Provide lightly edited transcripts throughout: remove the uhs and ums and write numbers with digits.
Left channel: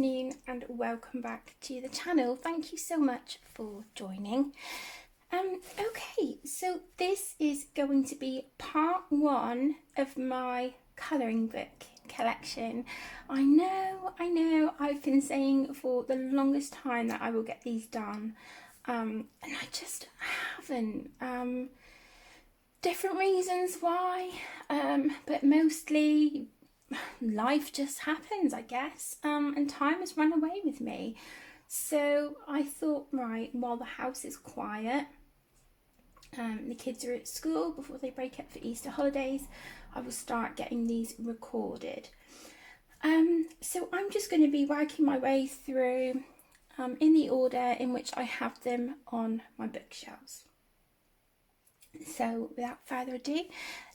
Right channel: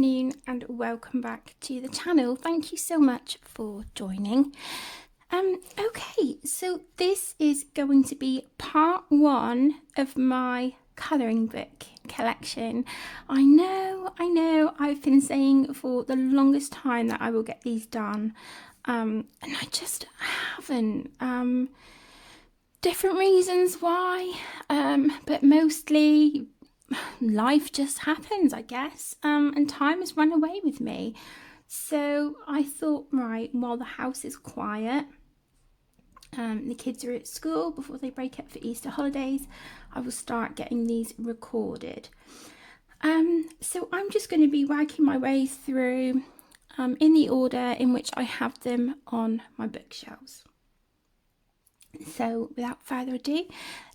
afternoon and welcome back to the channel. Thank you so much for joining. Okay, so this is going to be part one of my colouring book collection. I know, I've been saying for the longest time that I will get these done, and I just haven't. Different reasons why, but mostly life just happens, I guess, and time has run away with me. So I thought, right, while the house is quiet, the kids are at school before they break up for Easter holidays, I will start getting these recorded. So I'm just going to be working my way through in the order in which I have them on my bookshelves. So without further ado,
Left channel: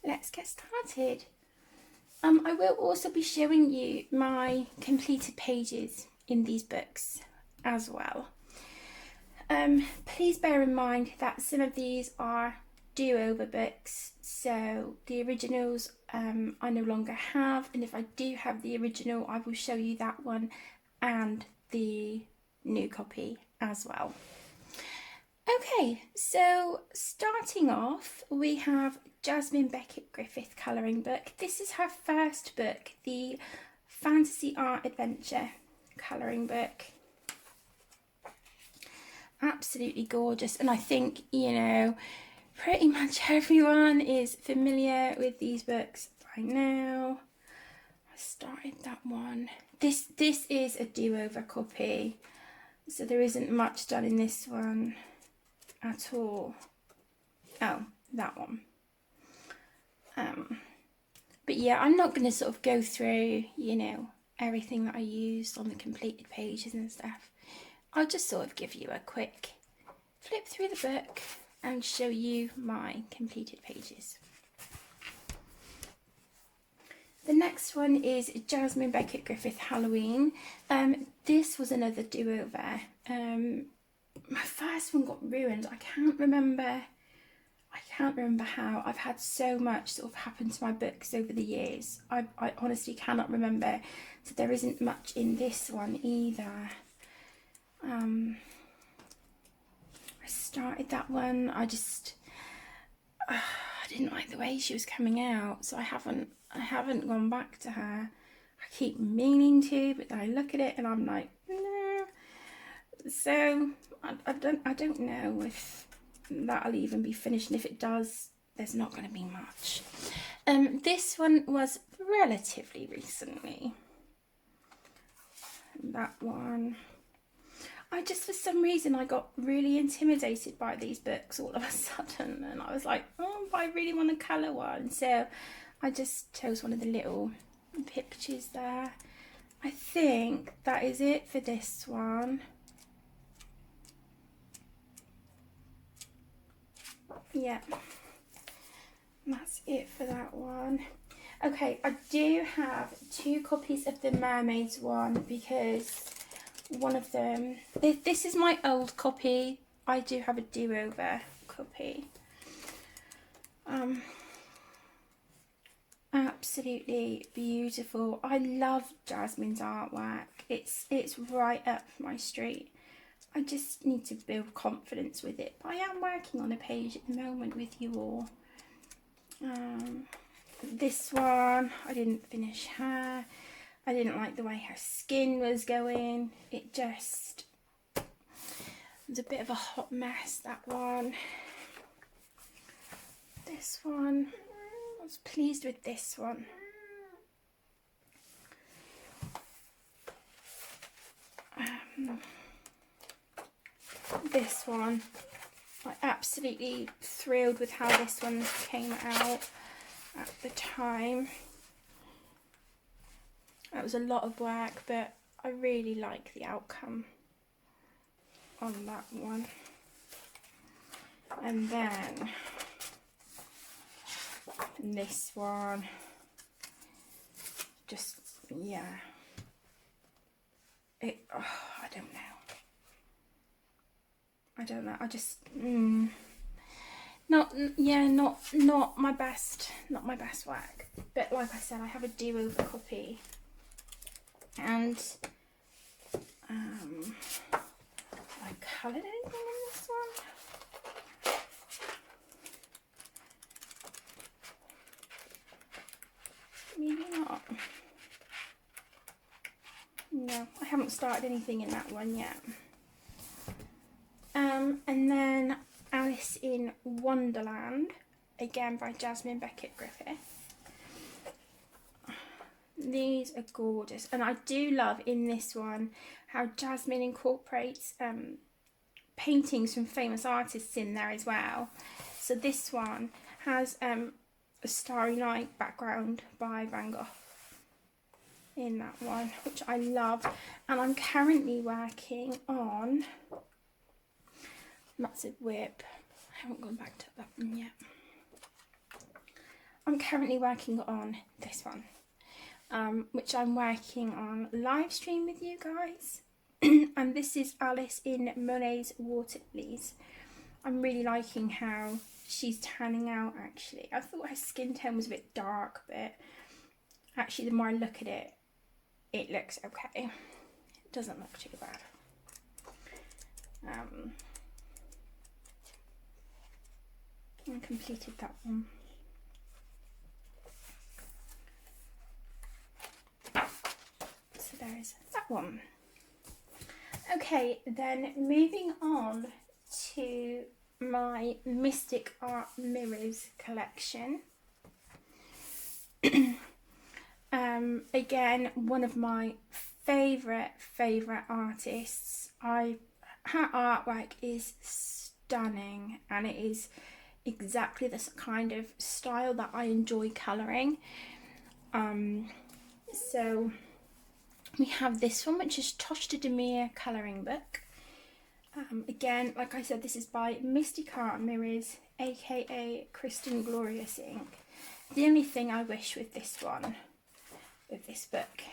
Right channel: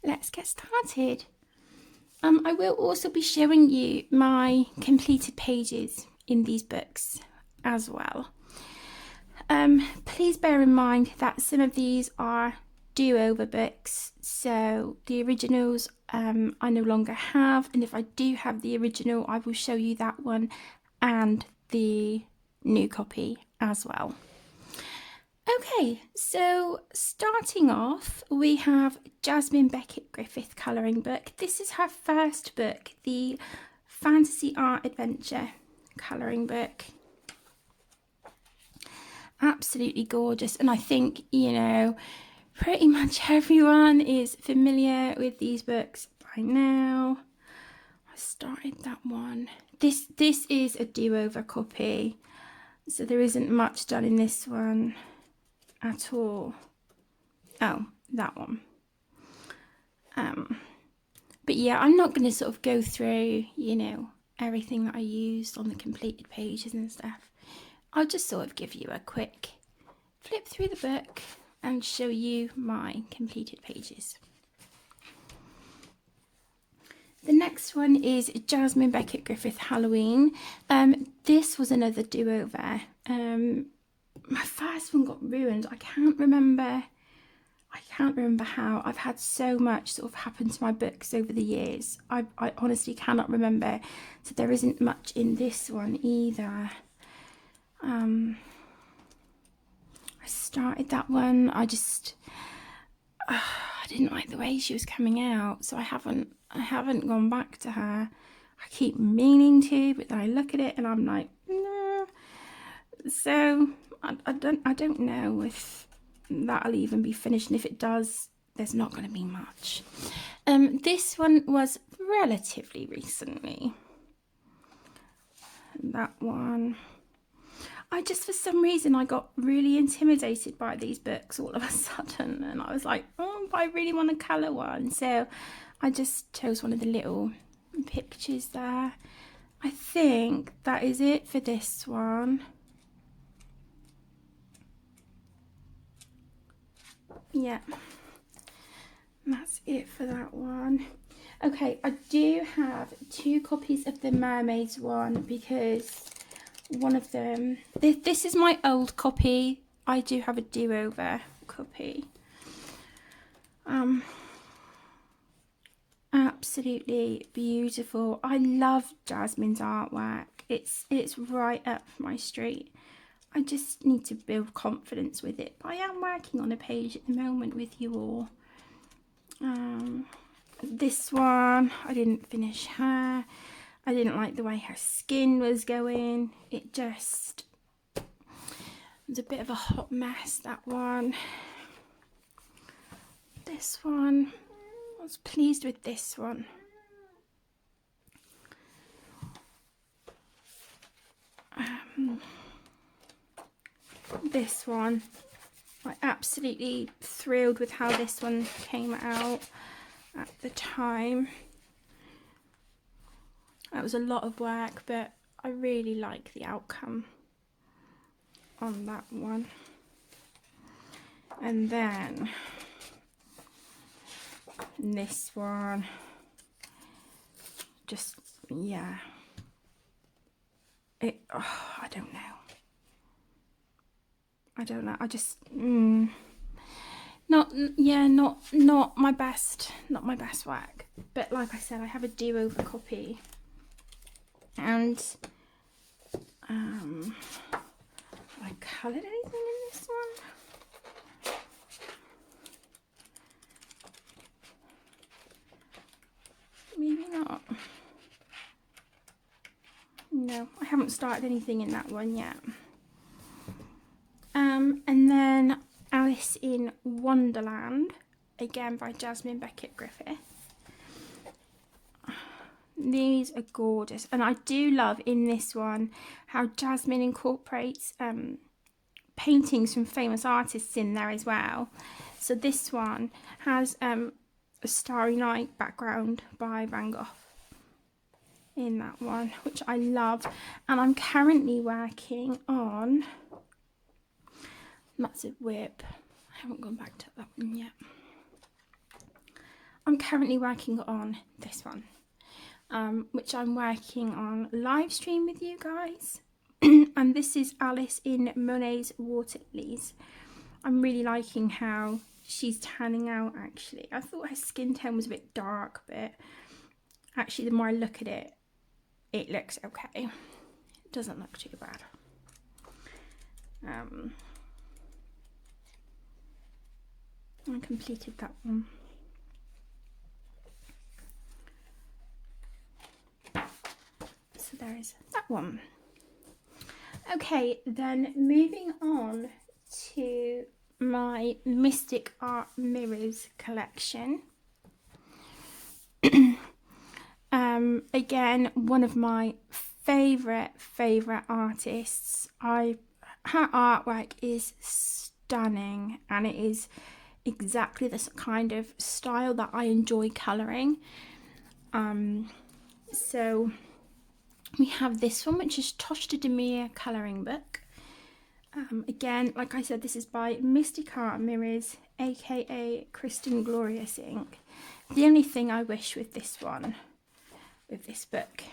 let's get started. I will also be showing you my completed pages in these books as well. Please bear in mind that some of these are do-over books, so the originals I no longer have, and if I do have the original I will show you that one and the new copy as well. Okay, so starting off we have Jasmine Beckett Griffith colouring book. This is her first book, the Fantasy Art Adventure colouring book. Absolutely gorgeous, and I think, you know, pretty much everyone is familiar with these books by now. I started that one. This is a do-over copy, so there isn't much done in this one at all. Oh, that one. But yeah, I'm not going to sort of go through, you know, everything that I used on the completed pages and stuff. I'll just sort of give you a quick flip through the book and show you my completed pages. The next one is Jasmine Beckett Griffith Halloween. This was another do-over. My first one got ruined. I can't remember how. I've had so much sort of happen to my books over the years. I honestly cannot remember. So there isn't much in this one either. I started that one. I didn't like the way she was coming out, so I haven't gone back to her. I keep meaning to, but then I look at it and I'm like, no. So I don't know if that'll even be finished, and if it does, there's not going to be much. This one was relatively recently. That one. For some reason, I got really intimidated by these books all of a sudden, and I was like, oh, but I really want to colour one. So I just chose one of the little pictures there. I think that is it for this one. Yeah, that's it for that one. Okay, I do have 2 copies of the Mermaids one because one of them, this is my old copy. I do have a do-over copy. Absolutely beautiful. I love Jasmine's artwork. It's right up my street. I just need to build confidence with it. But I am working on a page at the moment with you all. This one, I didn't finish her. I didn't like the way her skin was going. It just was a bit of a hot mess, that one. This one, I was pleased with this one. This one, I'm absolutely thrilled with how this one came out at the time. It was a lot of work, but I really like the outcome on that one. And then this one, just, yeah, I don't know, I just not my best work. But like I said, I have a do-over copy, and I coloured anything in this one? Maybe not. No, I haven't started anything in that one yet. And then Alice in Wonderland, again by Jasmine Beckett Griffith. These are gorgeous, and I do love in this one how Jasmine incorporates paintings from famous artists in there as well. So this one has a Starry Night background by Van Gogh in that one, which I love. And I'm currently working on Massive Whip. I haven't gone back to that one yet. I'm currently working on this one, which I'm working on live stream with you guys. And this is Alice in Monet's Water Lilies. I'm really liking how she's tanning out actually. I thought her skin tone was a bit dark, but actually the more I look at it, it looks okay. It doesn't look too bad. I completed that one. So there's that one. Okay, then moving on to my Mystic Art Mirrors collection. Again, one of my favourite artists. Her artwork is stunning, and it is exactly this kind of style that I enjoy colouring. So we have this one, which is Toshta Demir colouring book. Again, like I said, this is by Mystic Art Mirrors, aka Kristen Glorious Ink. The only thing I wish with this one, with this book,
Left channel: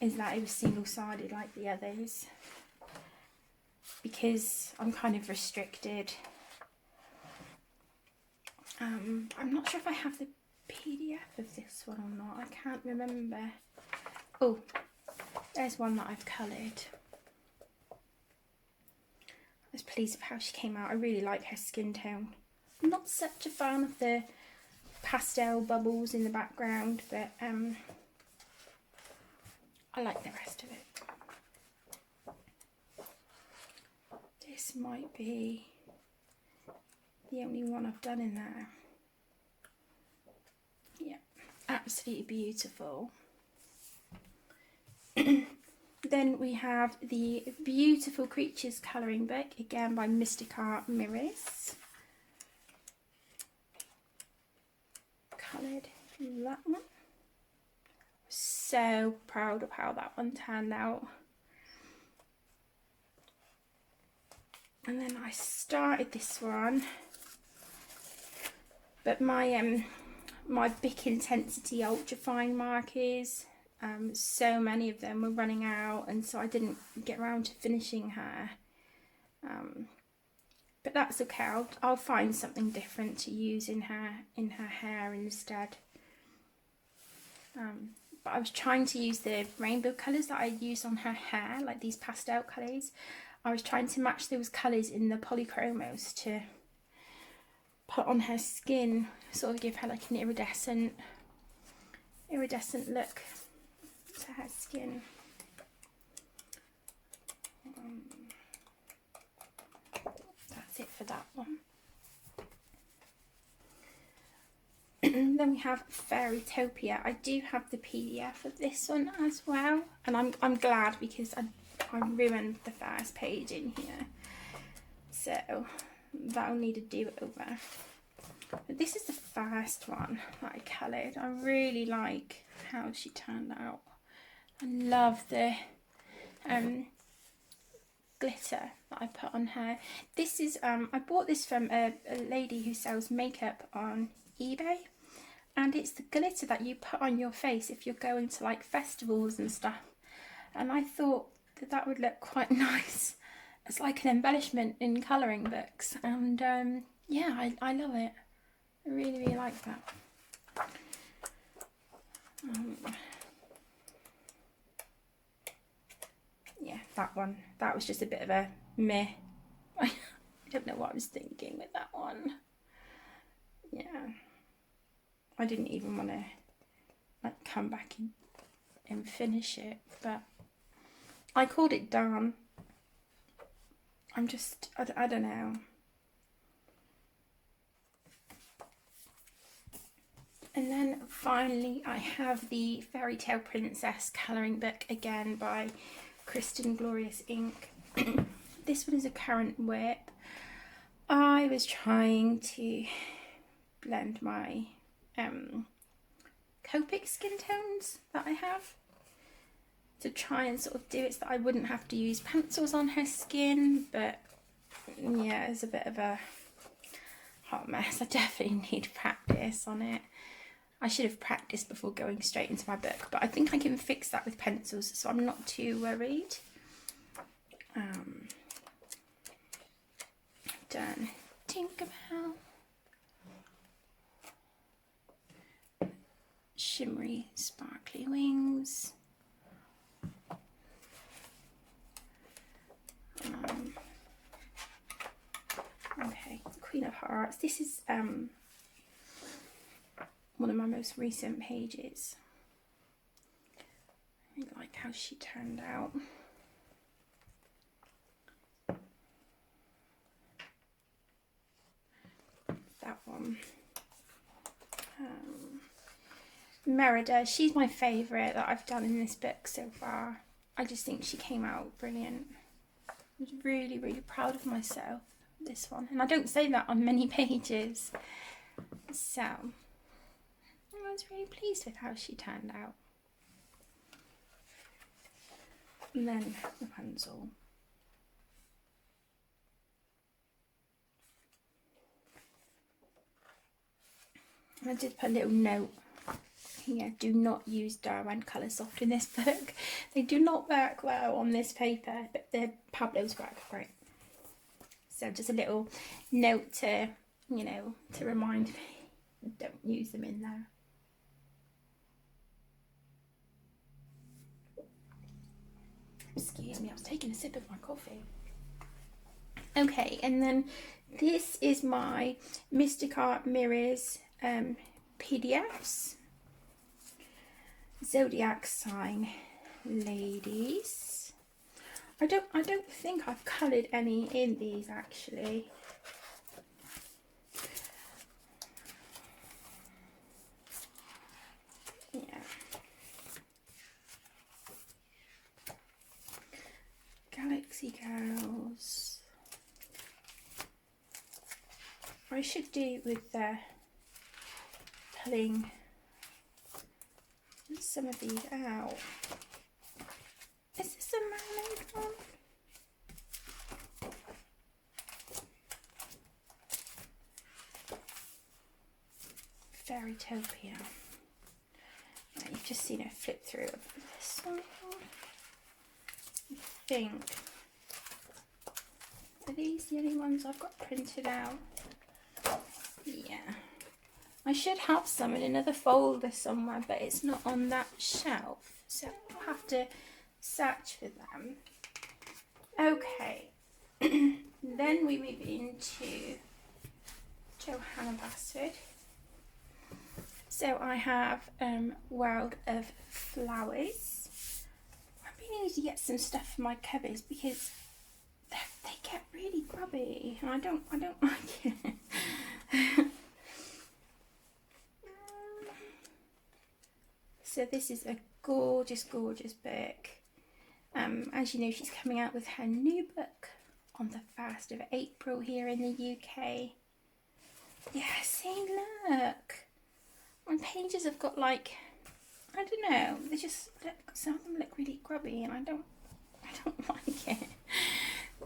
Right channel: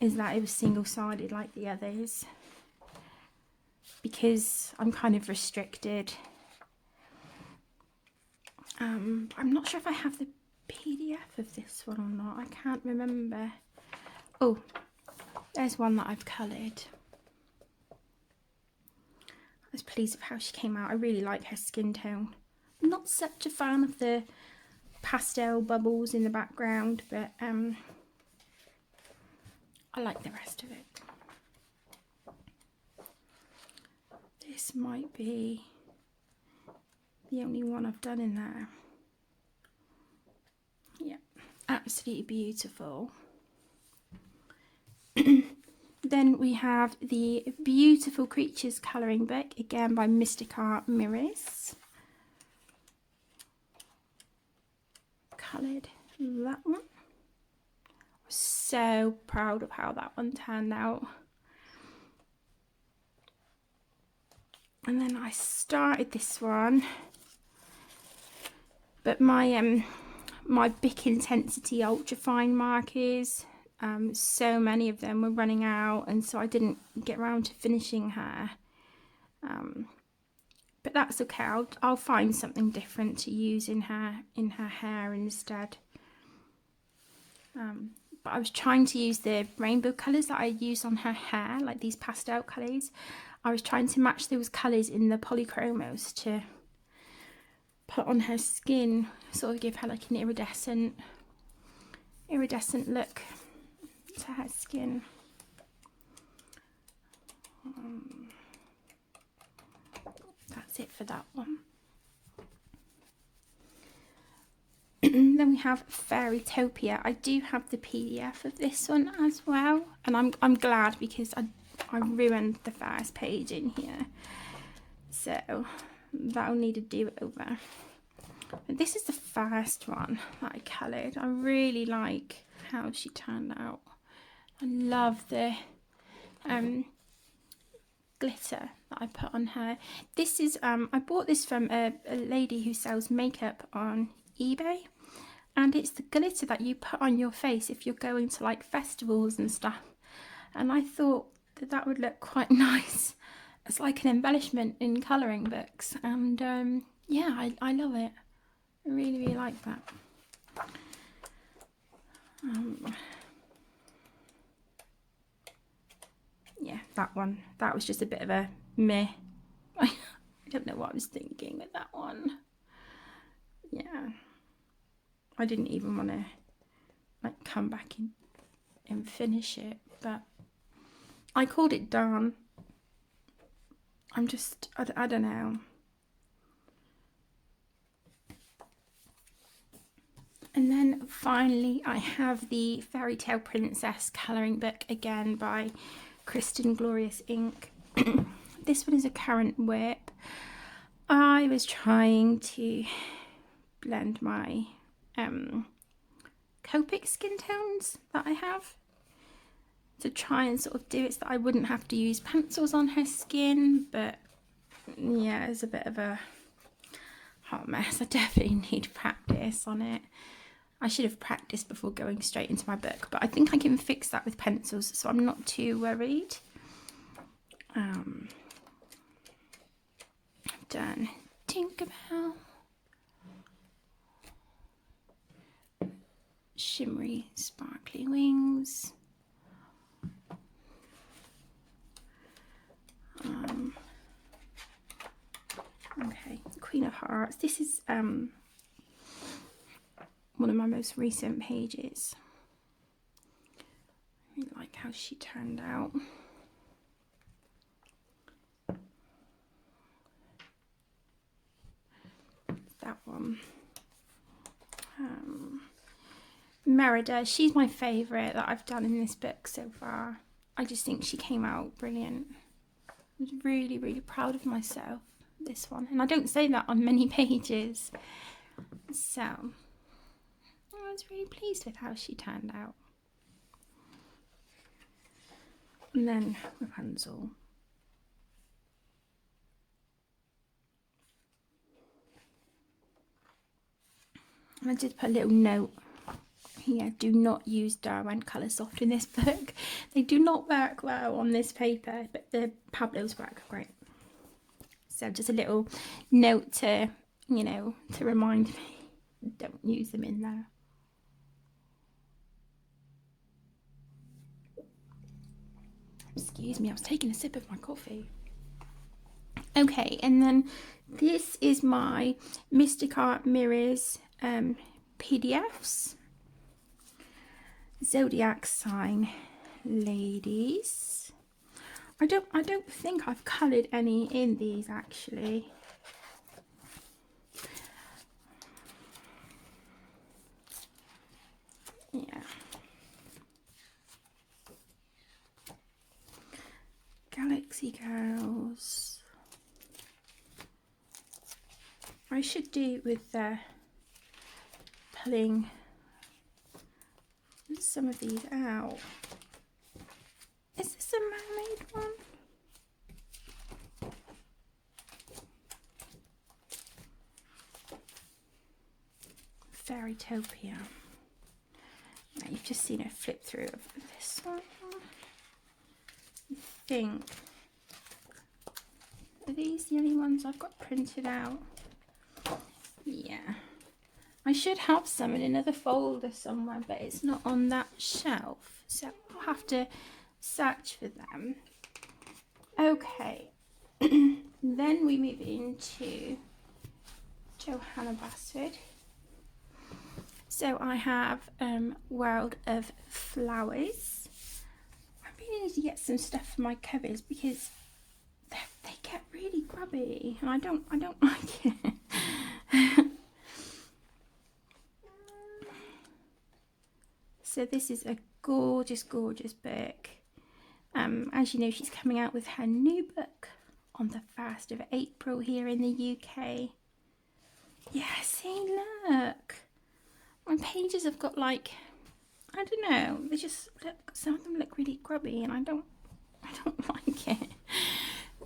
is that it was single-sided like the others, because I'm kind of restricted. I'm not sure if I have the PDF of this one or not. I can't remember. Oh, there's one that I've coloured. I was pleased with how she came out. I really like her skin tone. I'm not such a fan of the pastel bubbles in the background, but I like the rest of it. This might be the only one I've done in there. Yeah, absolutely beautiful. Then we have the Beautiful Creatures colouring book, again by Mystic Art Mirrors. Coloured that one. So proud of how that one turned out. And then I started this one, but my my Bic Intensity Ultra Fine markers, so many of them were running out, and so I didn't get around to finishing her. But that's okay. I'll find something different to use in her hair instead. But I was trying to use the rainbow colours that I used on her hair, like these pastel colours. I was trying to match those colours in the polychromos to put on her skin, sort of give her like an iridescent look to her skin. That's it for that one. Then we have Fairytopia. I do have the PDF of this one as well, and I'm glad, because I ruined the first page in here, so that'll need a do over. But this is the first one that I coloured. I really like how she turned out. I love the glitter that I put on her. This is I bought this from a lady who sells makeup on eBay, and it's the glitter that you put on your face if you're going to like festivals and stuff, and I thought that would look quite nice as like an embellishment in colouring books, and yeah, I love it. I really like that. yeah, that one. That was just a bit of a meh. I don't know what I was thinking with that one. Yeah. I didn't even want to like come back in and finish it, but I called it done. I'm just, I don't know. And then finally I have the Fairytale Princess colouring book, again by Kristen Glorious Ink. This one is a current whip. I was trying to blend my Copic skin tones that I have to try and sort of do it so that I wouldn't have to use pencils on her skin, but yeah, it's a bit of a hot mess. I definitely need practice on it. I should have practiced before going straight into my book, but I think I can fix that with pencils, so I'm not too worried. I've done Tinkerbell, shimmery sparkly wings, okay, Queen of Hearts. This is one of my most recent pages. I like how she turned out. That one. Merida, she's my favourite that I've done in this book so far. I just think she came out brilliant. I was really, really proud of myself, this one. And I don't say that on many pages. So, I was really pleased with how she turned out. And then Rapunzel. I did put a little note here, do not use Darwin Coloursoft in this book. They do not work well on this paper, but the Pablo's work great. So just a little note to, you know, to remind me, don't use them in there. Excuse me, I was taking a sip of my coffee. Okay, and then this is my Mystica Mirrors PDFs. Zodiac sign ladies. I don't think I've coloured any in these actually. Yeah. Galaxy Girls. I should do with pulling some of these out. Is this a mermaid one? Fairytopia. Right, you've just seen a flip through of this one. I think. Are these the only ones I've got printed out? Yeah. I should have some in another folder somewhere, but it's not on that shelf, so I'll have to search for them. Okay, then we move into Johanna Bastard. So I have World of Flowers. I really need to get some stuff for my covers because they get really grubby, and I don't like it. So this is a gorgeous, gorgeous book. As you know, she's coming out with her new book on the 1st of April here in the UK. Yeah, see, look. My pages have got like, I don't know, they just look, some of them look really grubby and I don't like it.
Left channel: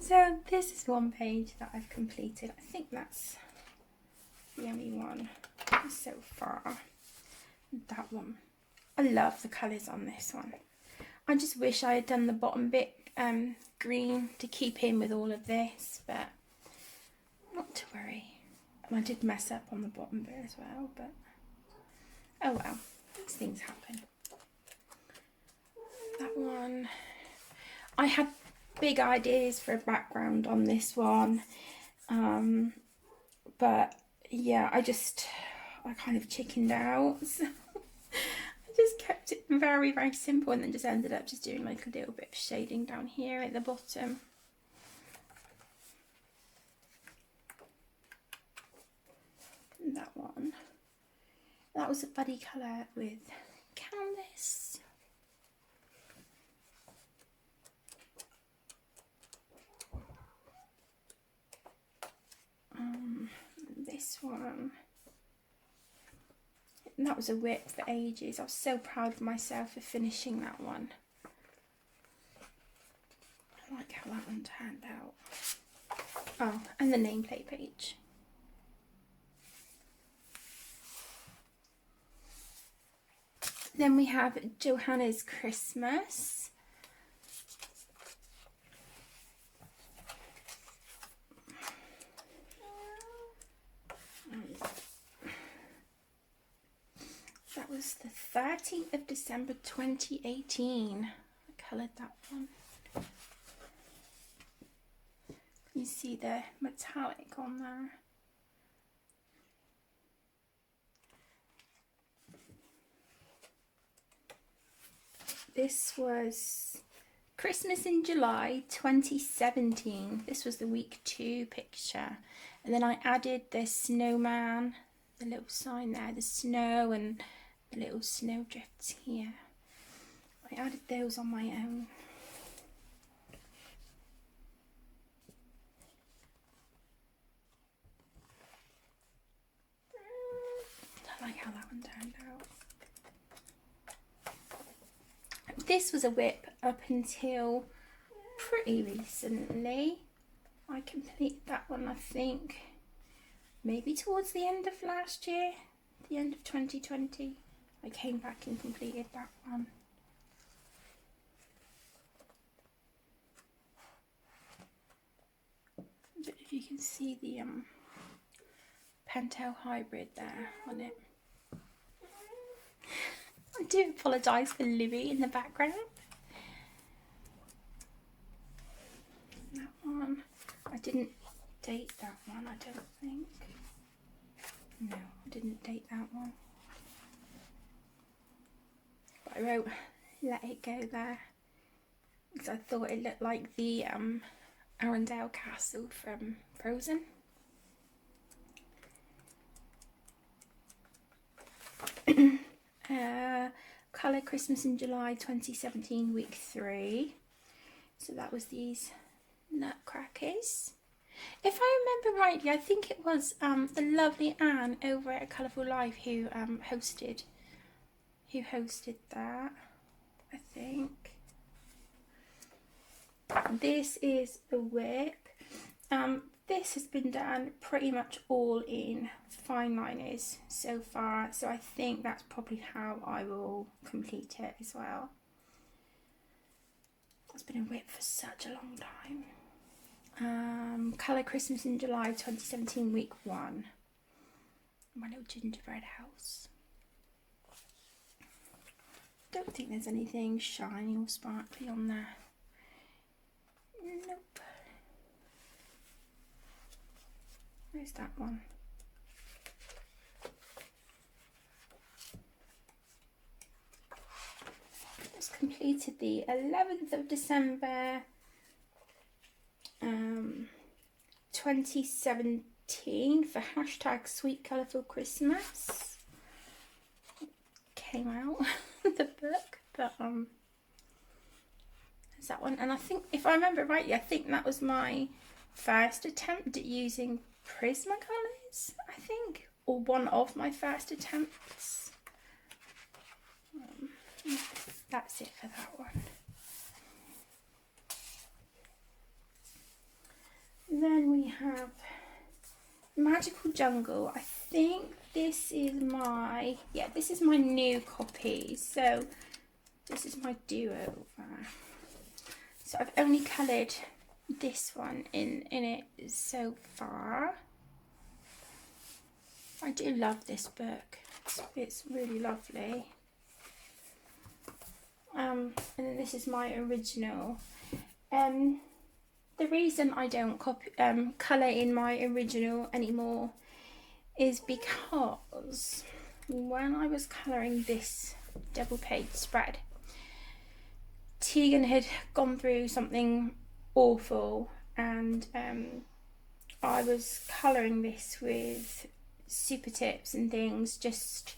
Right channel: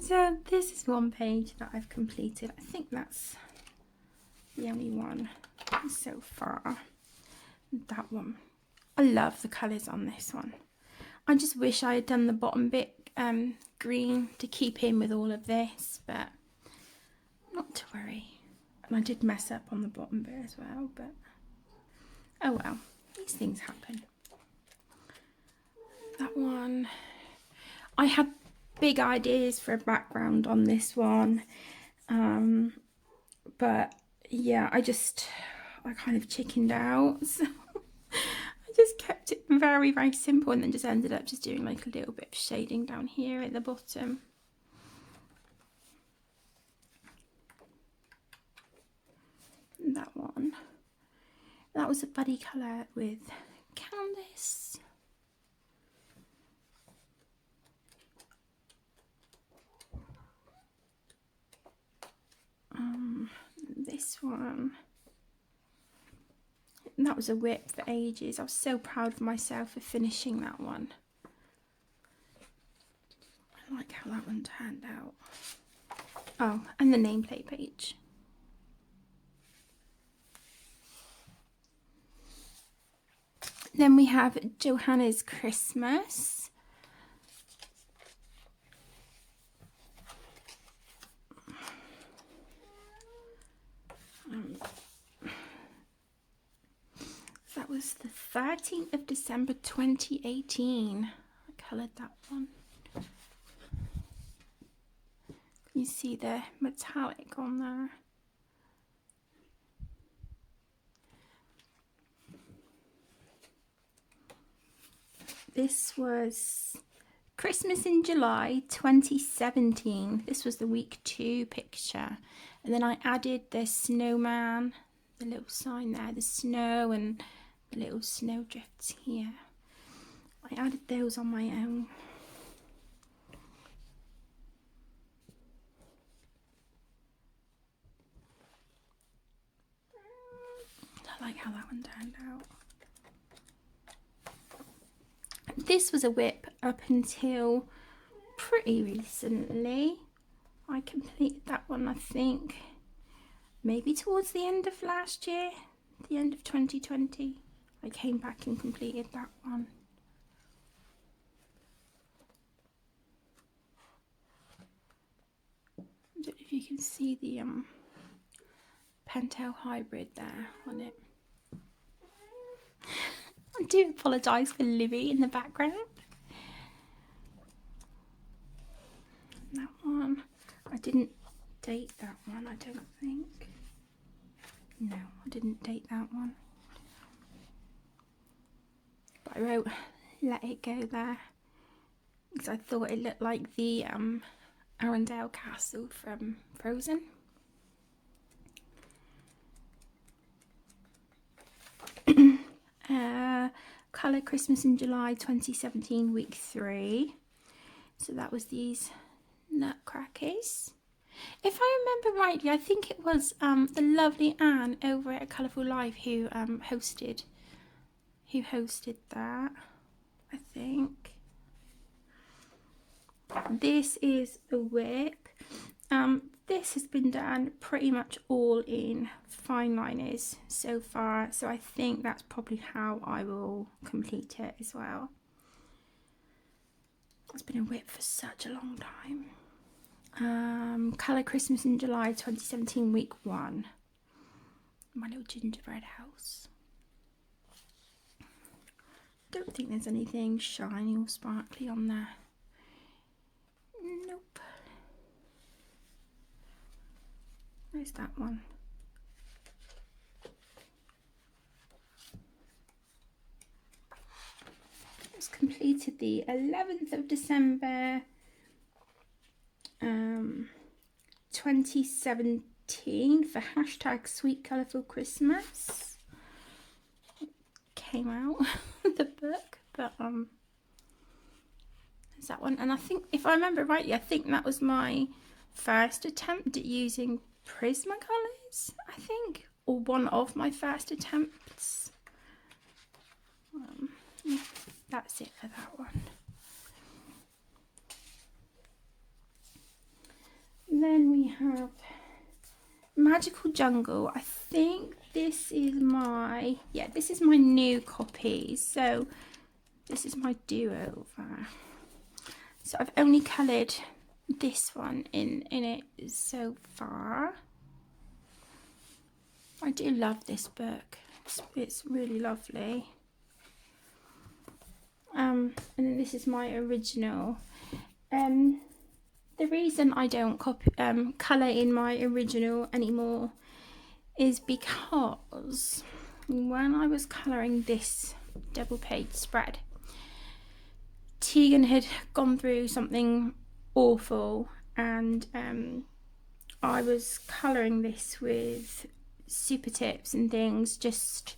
So this is one page that I've completed. I think that's the only one so far. That one. I love the colours on this one. I just wish I had done the bottom bit green to keep in with all of this, but not to worry. And I did mess up on the bottom bit as well, but oh well, these things happen. That one, I had big ideas for a background on this one, but yeah, I kind of chickened out, so I just kept it very, very simple, and then just ended up just doing like a little bit of shading down here at the bottom. And that one, that was a buddy colour with Canvas. This one, and that was a whip for ages. I was so proud of myself for finishing that one. I like how that one turned out. Oh, and the nameplate page. Then we have Johannas Christmas. That was the 13th of December 2018. I coloured that one. You see the metallic on there. This was Christmas in July 2017. This was the week 2 picture. And then I added the snowman, the little sign there, the snow and the little snow drifts here. I added those on my own. I like how that one turned out. This was a whip up until pretty recently. I completed that one, I think, maybe towards the end of last year, the end of 2020. I came back and completed that one. I don't know if you can see the Pentel hybrid there on it. I do apologise for Livy in the background. That one, I didn't date that one, I don't think. No, I didn't date that one. But I wrote "Let It Go" there because I thought it looked like the Arendelle Castle from Frozen. Colour Christmas in July 2017, week 3. So that was these nutcrackers. If I remember rightly, I think it was the lovely Anne over at Colourful Life who hosted that, I think. This is the whip. This has been done pretty much all in fine liners so far, so I think that's probably how I will complete it as well. It's been a whip for such a long time. Colour Christmas in July 2017, week 1. My little gingerbread house. Don't think there's anything shiny or sparkly on there. Nope. Where's that one? Just completed the 11th of December 2017 for hashtag Sweet Colourful Christmas. Came out the book, but there's that one. And I think, if I remember rightly, I think that was my first attempt at using Prismacolors, I think, or one of my first attempts. That's it for that one. Then we have Magical Jungle. I think this is my, this is my new copy. So this is my do-over. So I've only coloured this one in it so far. I do love this book. It's really lovely. And then this is my original. The reason I don't colour in my original anymore is because when I was colouring this double page spread, Tegan had gone through something awful, and I was colouring this with super tips and things just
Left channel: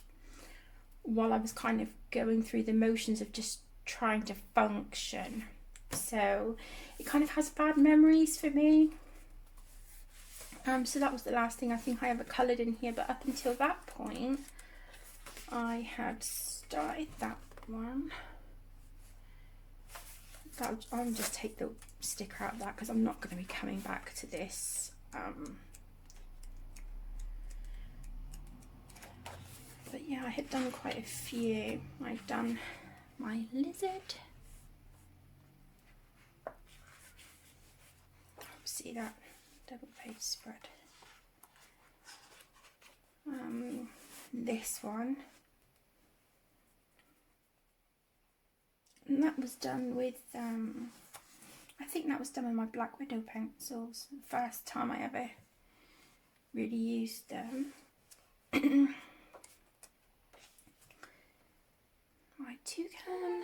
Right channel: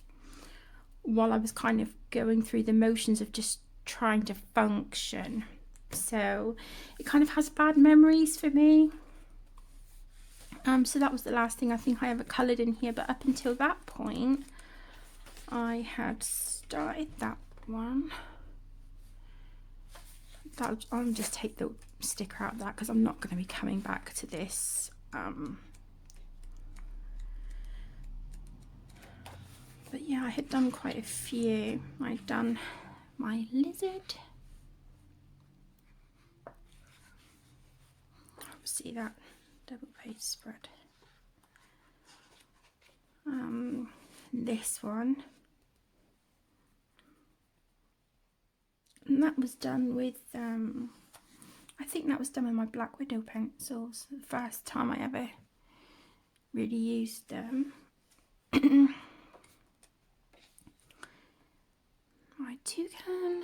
while I was kind of going through the motions of just trying to function. So it kind of has bad memories for me. So that was the last thing I think I ever coloured in here, but up until that point I had started that one. I'll just take the sticker out of that because I'm not going to be coming back to this. But yeah, I had done quite a few. I'd done my lizard. See that double page spread. This one. And that was done with, I think that was done with my Black Widow pencils. The first time I ever really used them. My toucan.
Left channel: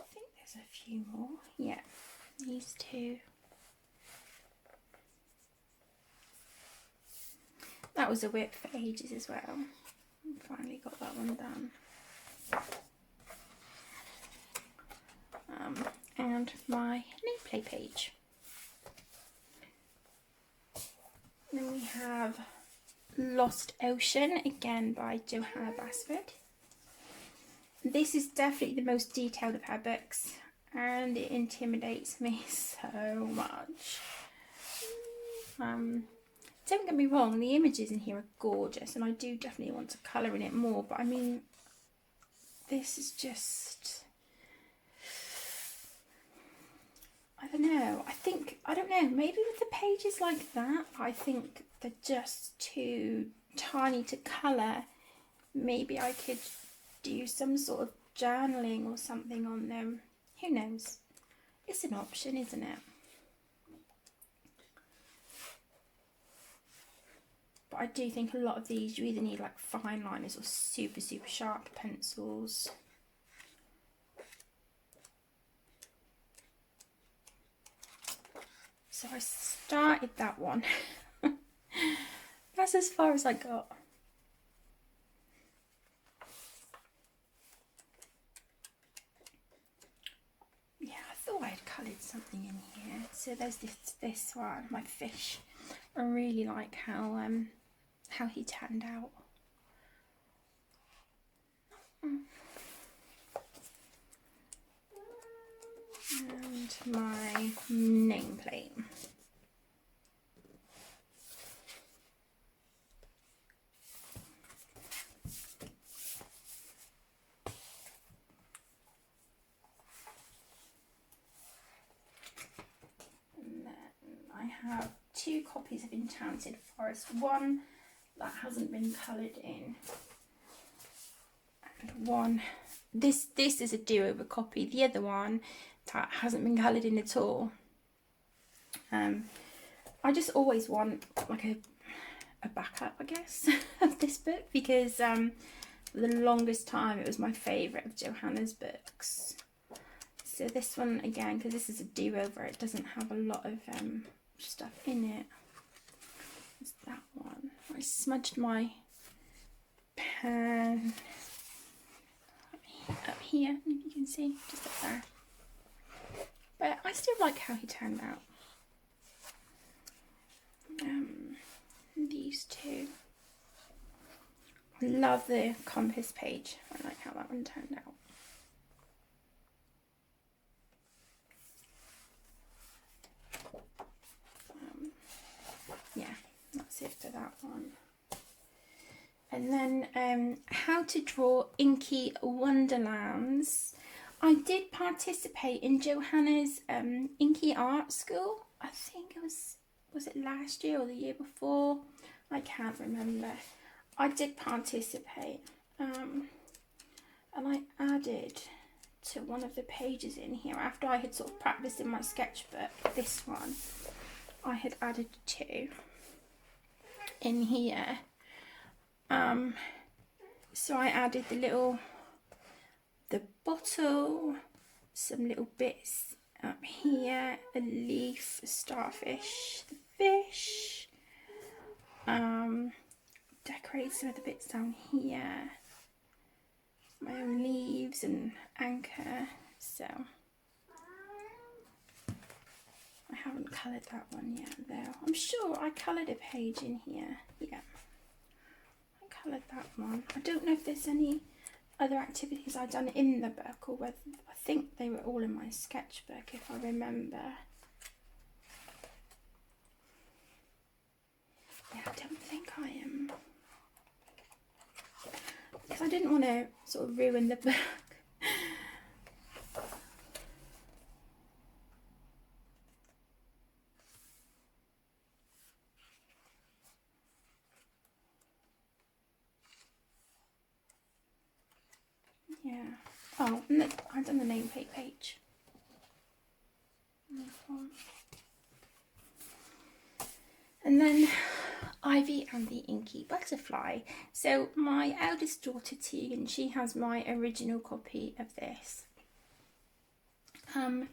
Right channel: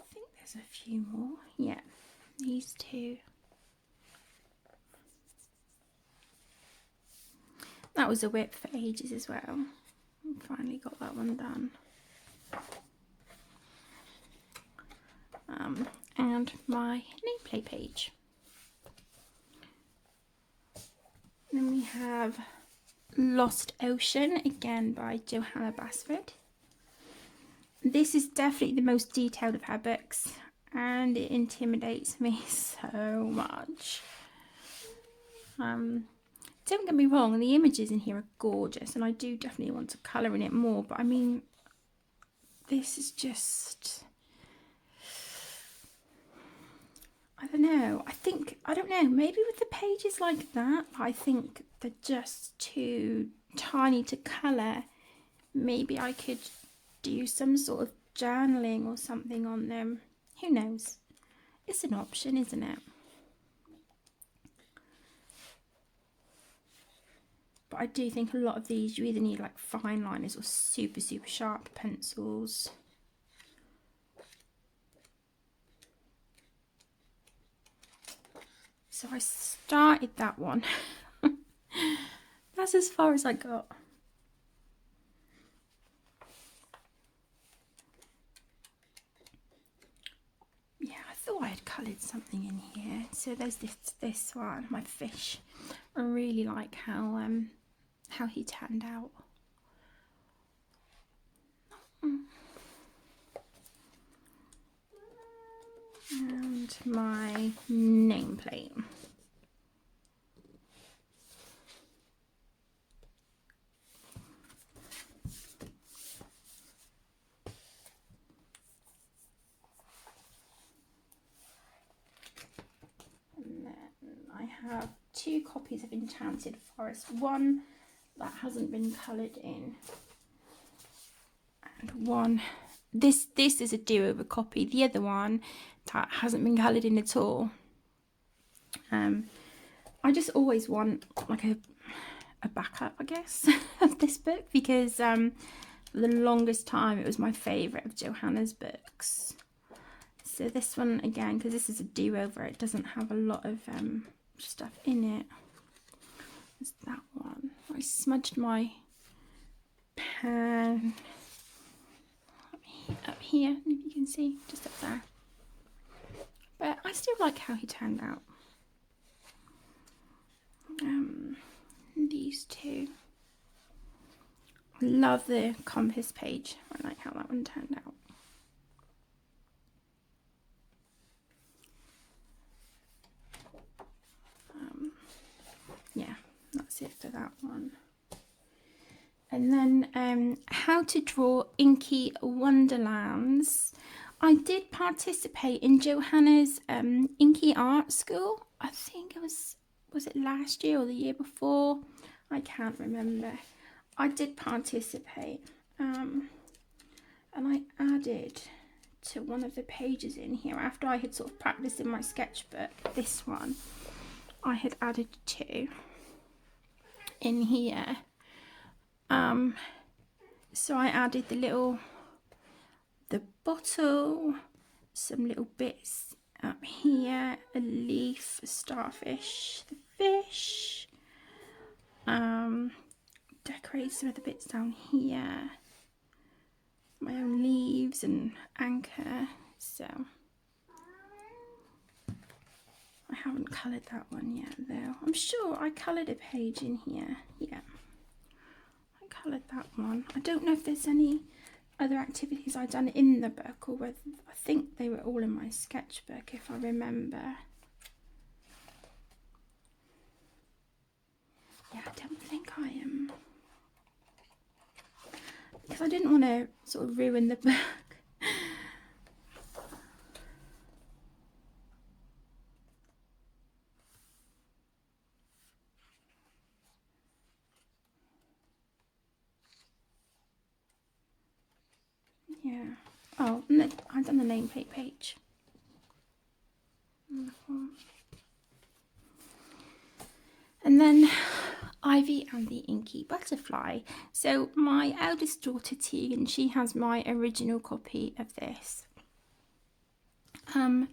I think there's a few more. Yeah, these two. That was a whip for ages as well. Finally got that one done. And my nameplate page. Then we have Lost Ocean, again by Johanna Basford. This is definitely the most detailed of her books, and it intimidates me so much. Don't get me wrong, the images in here are gorgeous, and I do definitely want to colour in it more, but I mean, this is just, I don't know, maybe with the pages like that, I think they're just too tiny to colour. Maybe I could do some sort of journaling or something on them. Who knows? It's an option, isn't it? But I do think a lot of these you either need like fine liners or super sharp pencils. So I started that one. That's as far as I got. Yeah, I thought I had coloured something in here. So there's this one, my fish. I really like how he turned out. And my nameplate. And then I have 2 copies of Enchanted Forest. One that hasn't been coloured in, and one, this is a do-over copy. The other one that hasn't been coloured in at all. I just always want like a backup, I guess, of this book, because for the longest time it was my favourite of Johanna's books. So this one, again, because this is a do-over, it doesn't have a lot of stuff in it. It's that one. I smudged my pen up here, you can see, just up there. But I still like how he turned out. These two. Love the compass page. I like how that one turned out. Yeah, that's it for that one. And then how to draw Inky Wonderlands. I did participate in Johanna's Inky Art School. I think it was it last year or the year before? I can't remember. I did participate. and I added to one of the pages in here after I had sort of practiced in my sketchbook. This one I had added to in here. So I added the bottle, some little bits up here, a leaf, a starfish, the fish, decorate some of the bits down here, my own leaves and anchor. So I haven't coloured that one yet though. I'm sure I coloured a page in here. Yeah, I coloured that one. I don't know if there's any other activities I've done in the book, or whether, I think they were all in my sketchbook if I remember. Yeah, I don't think I am, because I didn't want to sort of ruin the book. Yeah. Oh, no, I've done the nameplate page. And then Ivy and the Inky Butterfly. So my eldest daughter Tegan, she has my original copy of this. And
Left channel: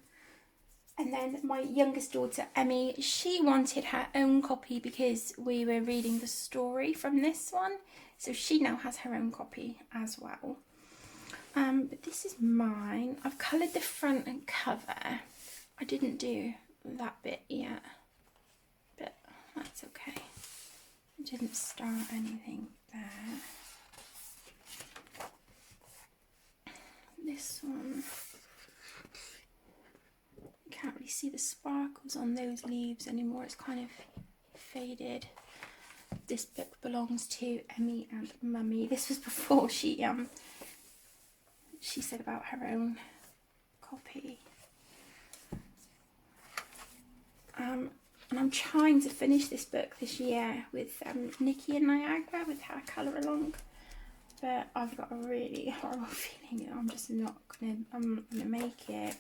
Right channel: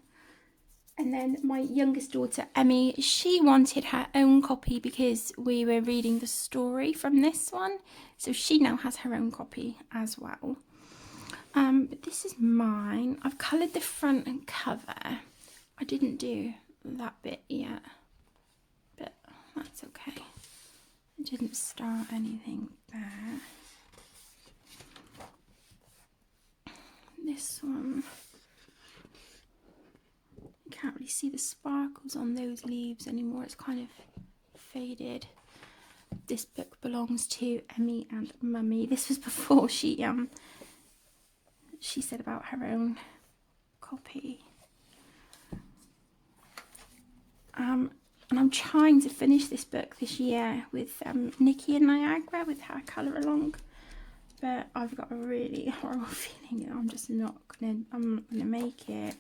then my youngest daughter Emmy, she wanted her own copy because we were reading the story from this one. So she now has her own copy as well. But this is mine. I've coloured the front and cover. I didn't do that bit yet, but that's okay. I didn't start anything there. This one, you can't really see the sparkles on those leaves anymore. It's kind of faded. This book belongs to Emmy and Mummy. This was before she said about her own copy. And I'm trying to finish this book this year with Nikki and Niagara, with her colour along, but I've got a really horrible feeling that I'm just not gonna make it.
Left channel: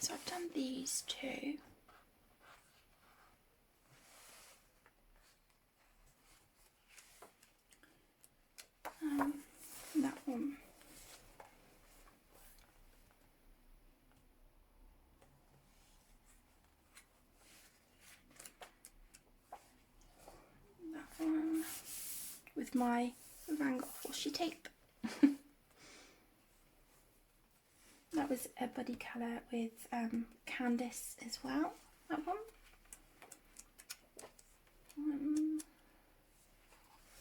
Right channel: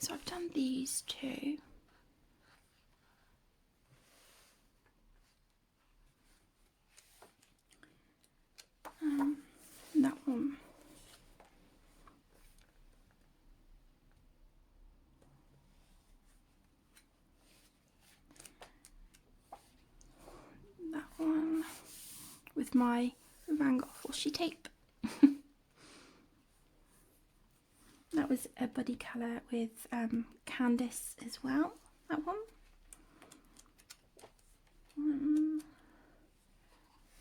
So I've done these two. That one. That one with my Van Gogh washi tape. That was a buddy colour with Candice as well, that one.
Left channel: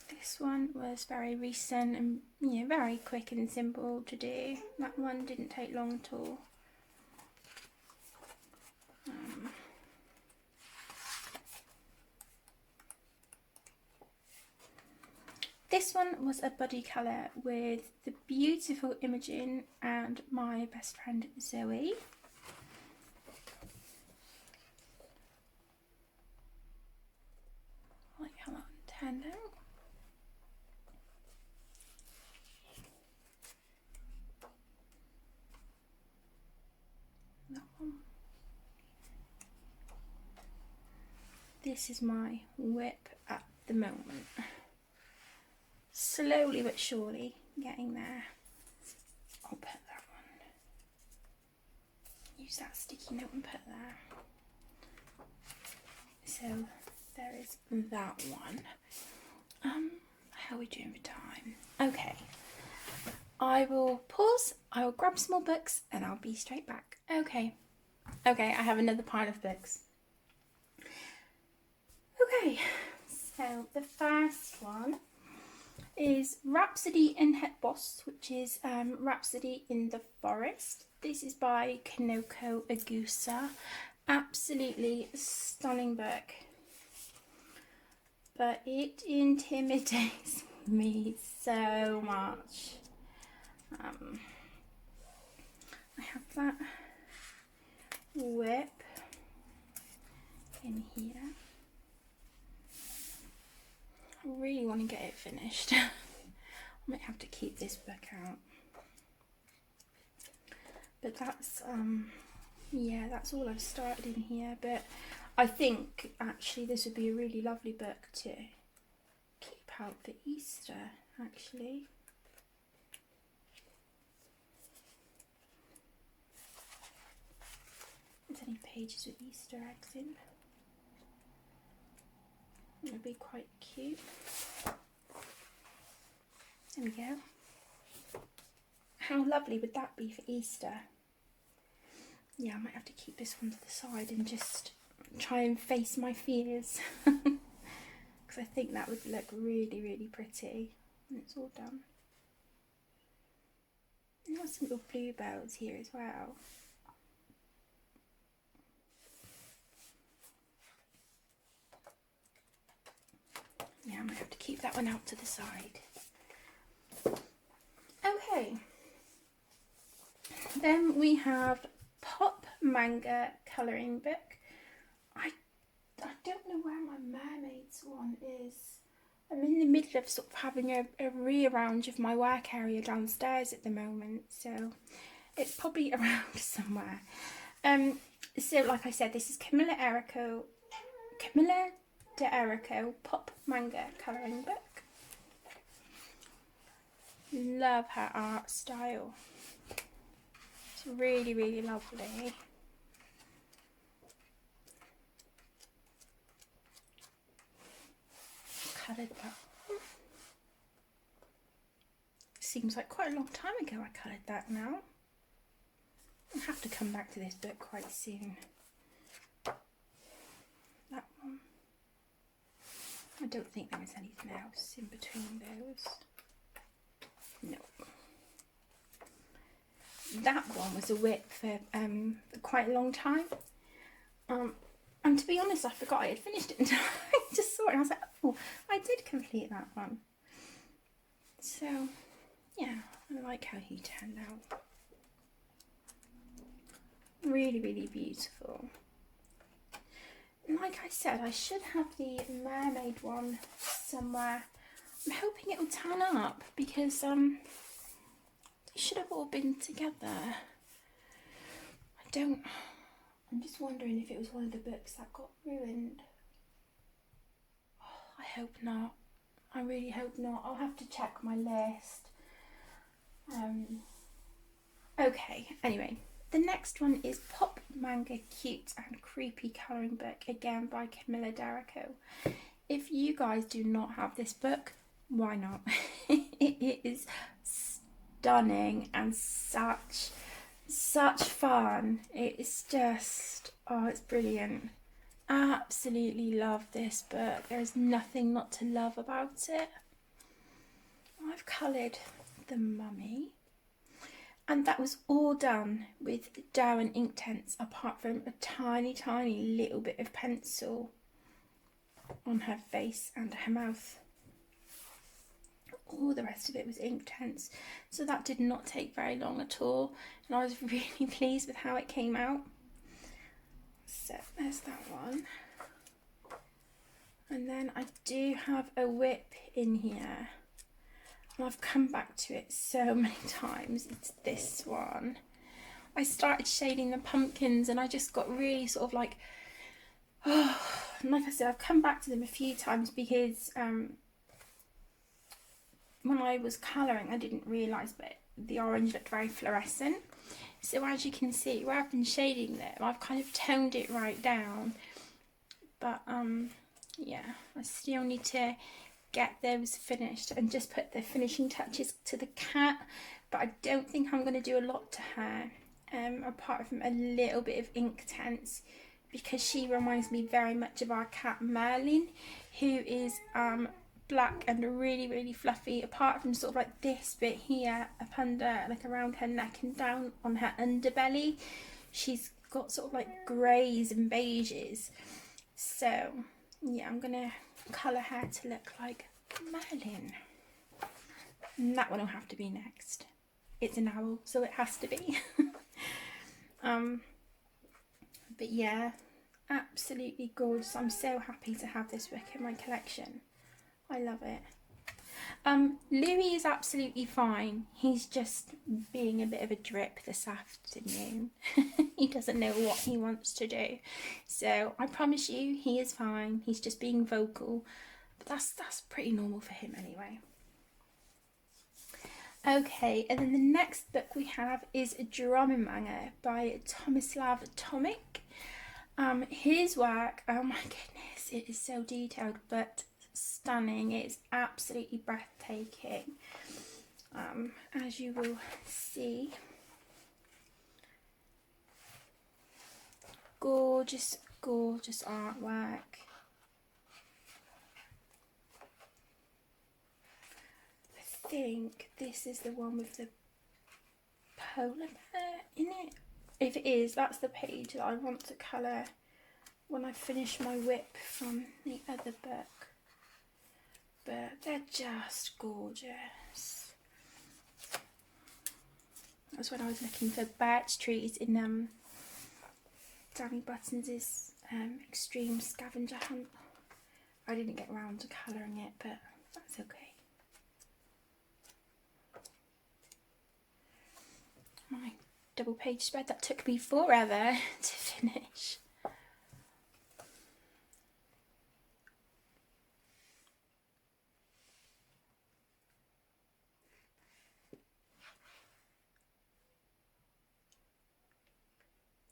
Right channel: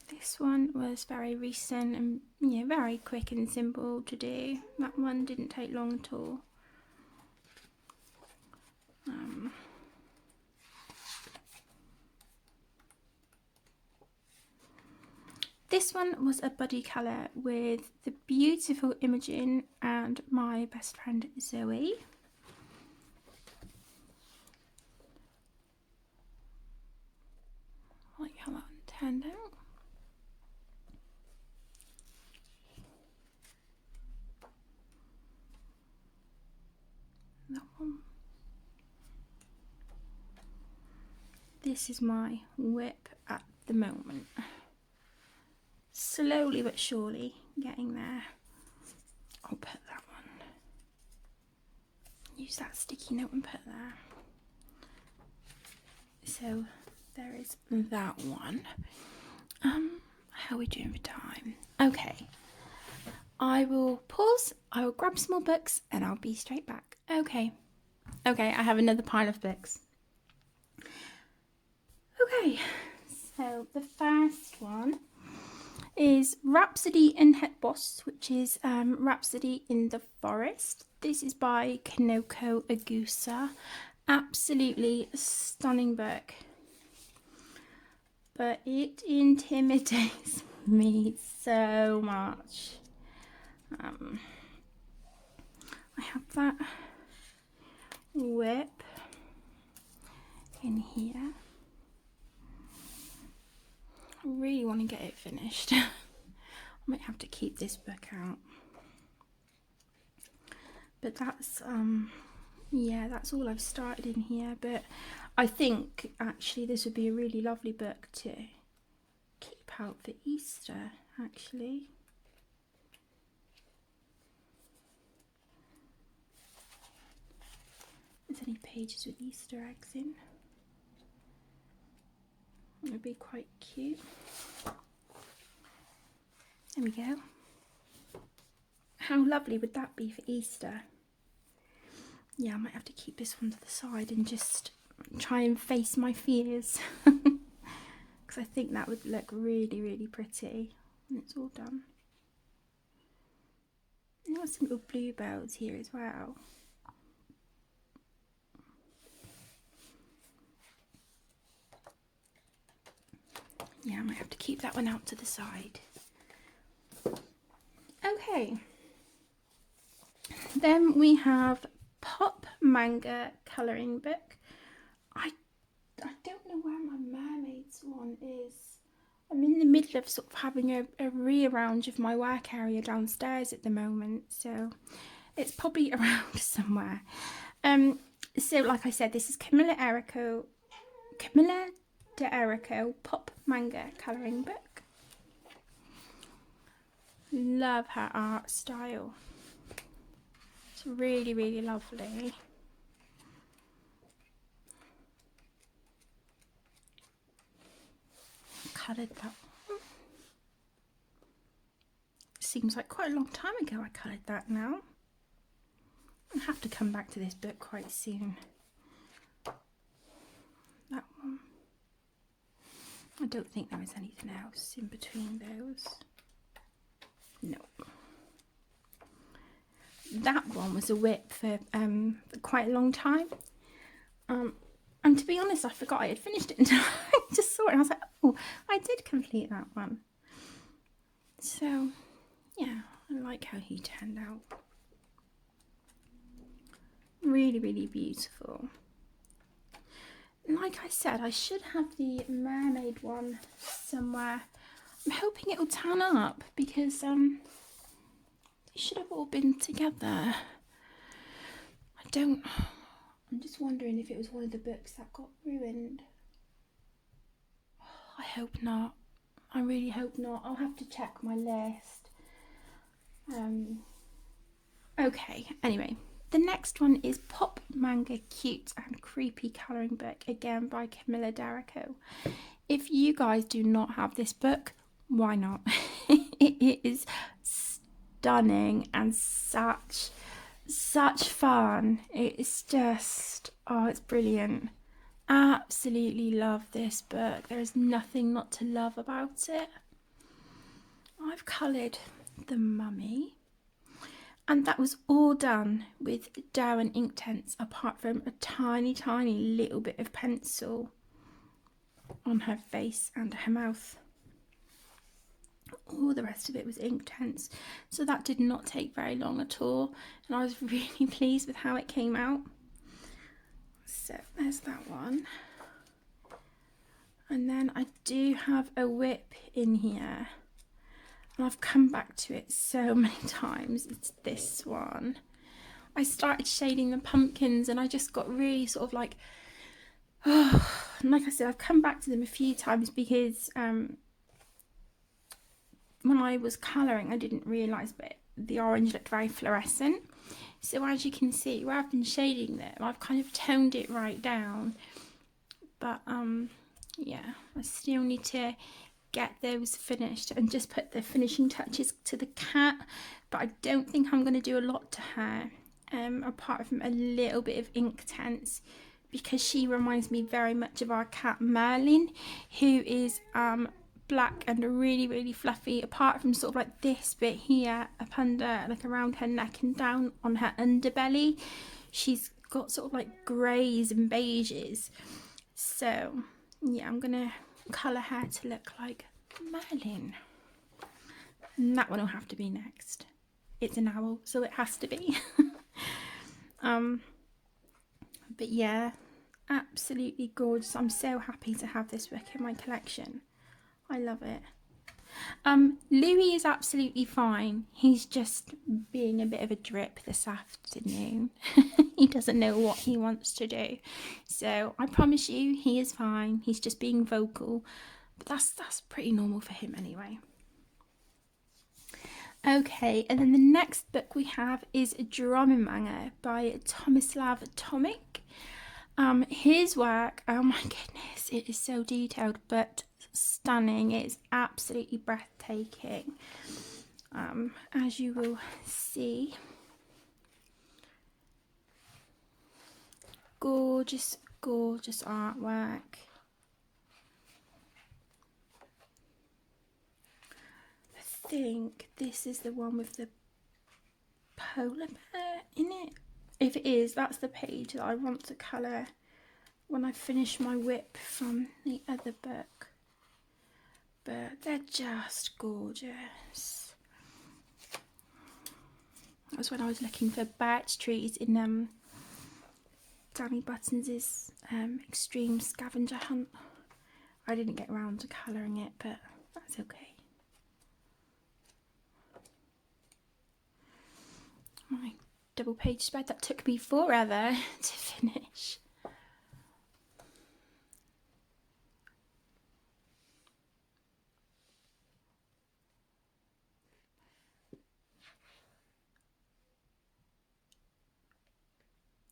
This one was very recent and very quick and simple to do. That one didn't take long at all. This one was a buddy colour with the beautiful Imogen and my best friend Zoe. I like how that turned out. That one. This is my whip at the moment. Slowly but surely getting there. I'll put that one. Use that sticky note and put there. So there is that one. How are we doing for time? Okay. I will pause, I will grab some more books and I'll be straight back. Okay, I have another pile of books. Okay, so the first one is Rhapsody in Het Bos, which is Rhapsody in the Forest. This is by Kanoko Agusa. Absolutely stunning book. But it intimidates me so much. I have that whip in here. I really want to finished. I might have to keep this book out. But that's yeah, that's all I've started in here. But I think actually this would be a really lovely book to keep out for Easter, actually. There's any pages with Easter eggs in. It would be quite cute. There we go. How lovely would that be for Easter? Yeah, I might have to keep this one to the side and just try and face my fears. Because I think that would look really, really pretty. And it's all done. And there's some little bluebells here as well. Yeah, I might have to keep that one out to the side. Okay. Then we have Pop Manga colouring book. I don't know where my Mermaids one is. I'm in the middle of sort of having a rearrange of my work area downstairs at the moment, so it's probably around somewhere. So like I said, this is Camilla de Erico Pop Manga colouring book. Love her art style. It's really, really lovely. Coloured that. Seems like quite a long time ago I coloured that now. I'll have to come back to this book quite soon. That one. I don't think there is anything else in between those. No. That one was a whip for quite a long time. And to be honest, I forgot I had finished it until I just saw it and I was like, oh, I did complete that one. So, yeah, I like how he turned out. Really, really beautiful. Like I said, I should have the mermaid one somewhere. I'm hoping it'll turn up because they should have all been together. I'm just wondering if it was one of the books that got ruined. Oh, I hope not. I really hope not. I'll have to check my list. Okay, anyway. The next one is Pop Manga Cute and Creepy colouring book, again by Camilla d'Erico. If you guys do not have this book, why not? It is stunning and such fun. It's just, oh, it's brilliant. Absolutely love this book. There's nothing not to love about it. I've coloured the mummy. And that was all done with Derwent Inktense, apart from a tiny, tiny little bit of pencil on her face and her mouth. All the rest of it was Inktense, so that did not take very long at all, and I was really pleased with how it came out. So there's that one. And then I do have a whip in here. And I've come back to it so many times. It's this one. I started shading the pumpkins and I just got really sort of like, oh, and like I said, I've come back to them a few times because when I was colouring I didn't realise, but the orange looked very fluorescent. So as you can see, where I've been shading them, I've kind of toned it right down. But yeah, I still need to get those finished and just put the finishing touches to the cat, but I don't think I'm going to do a lot to her, apart from a little bit of Inktense, because she reminds me very much of our cat Merlin, who is black and really, really fluffy, apart from sort of like this bit here up under, like around her neck and down on her underbelly. She's got sort of like greys and beiges. So yeah, I'm going to colour her to look like Merlin. And that one will have to be next. It's an owl, so it has to be. But yeah, absolutely gorgeous. I'm so happy to have this book in my collection. I love it. Louis is absolutely fine. He's just being a bit of a drip this afternoon. He doesn't know what he wants to do. So I promise you, he is fine. He's just being vocal. But that's pretty normal for him anyway. Okay, and then the next book we have is a drama manga by Tomislav Tomic. His work, oh my goodness, it is so detailed but stunning. It's absolutely breathtaking, as you will see. Gorgeous, gorgeous artwork. I think this is the one with the polar bear in it. If it is, that's the page that I want to colour when I finish my whip from the other book. But they're just gorgeous. That was when I was looking for birch trees in Danny Buttons' extreme scavenger hunt. I didn't get around to colouring it, but that's okay. My double page spread, that took me forever to finish.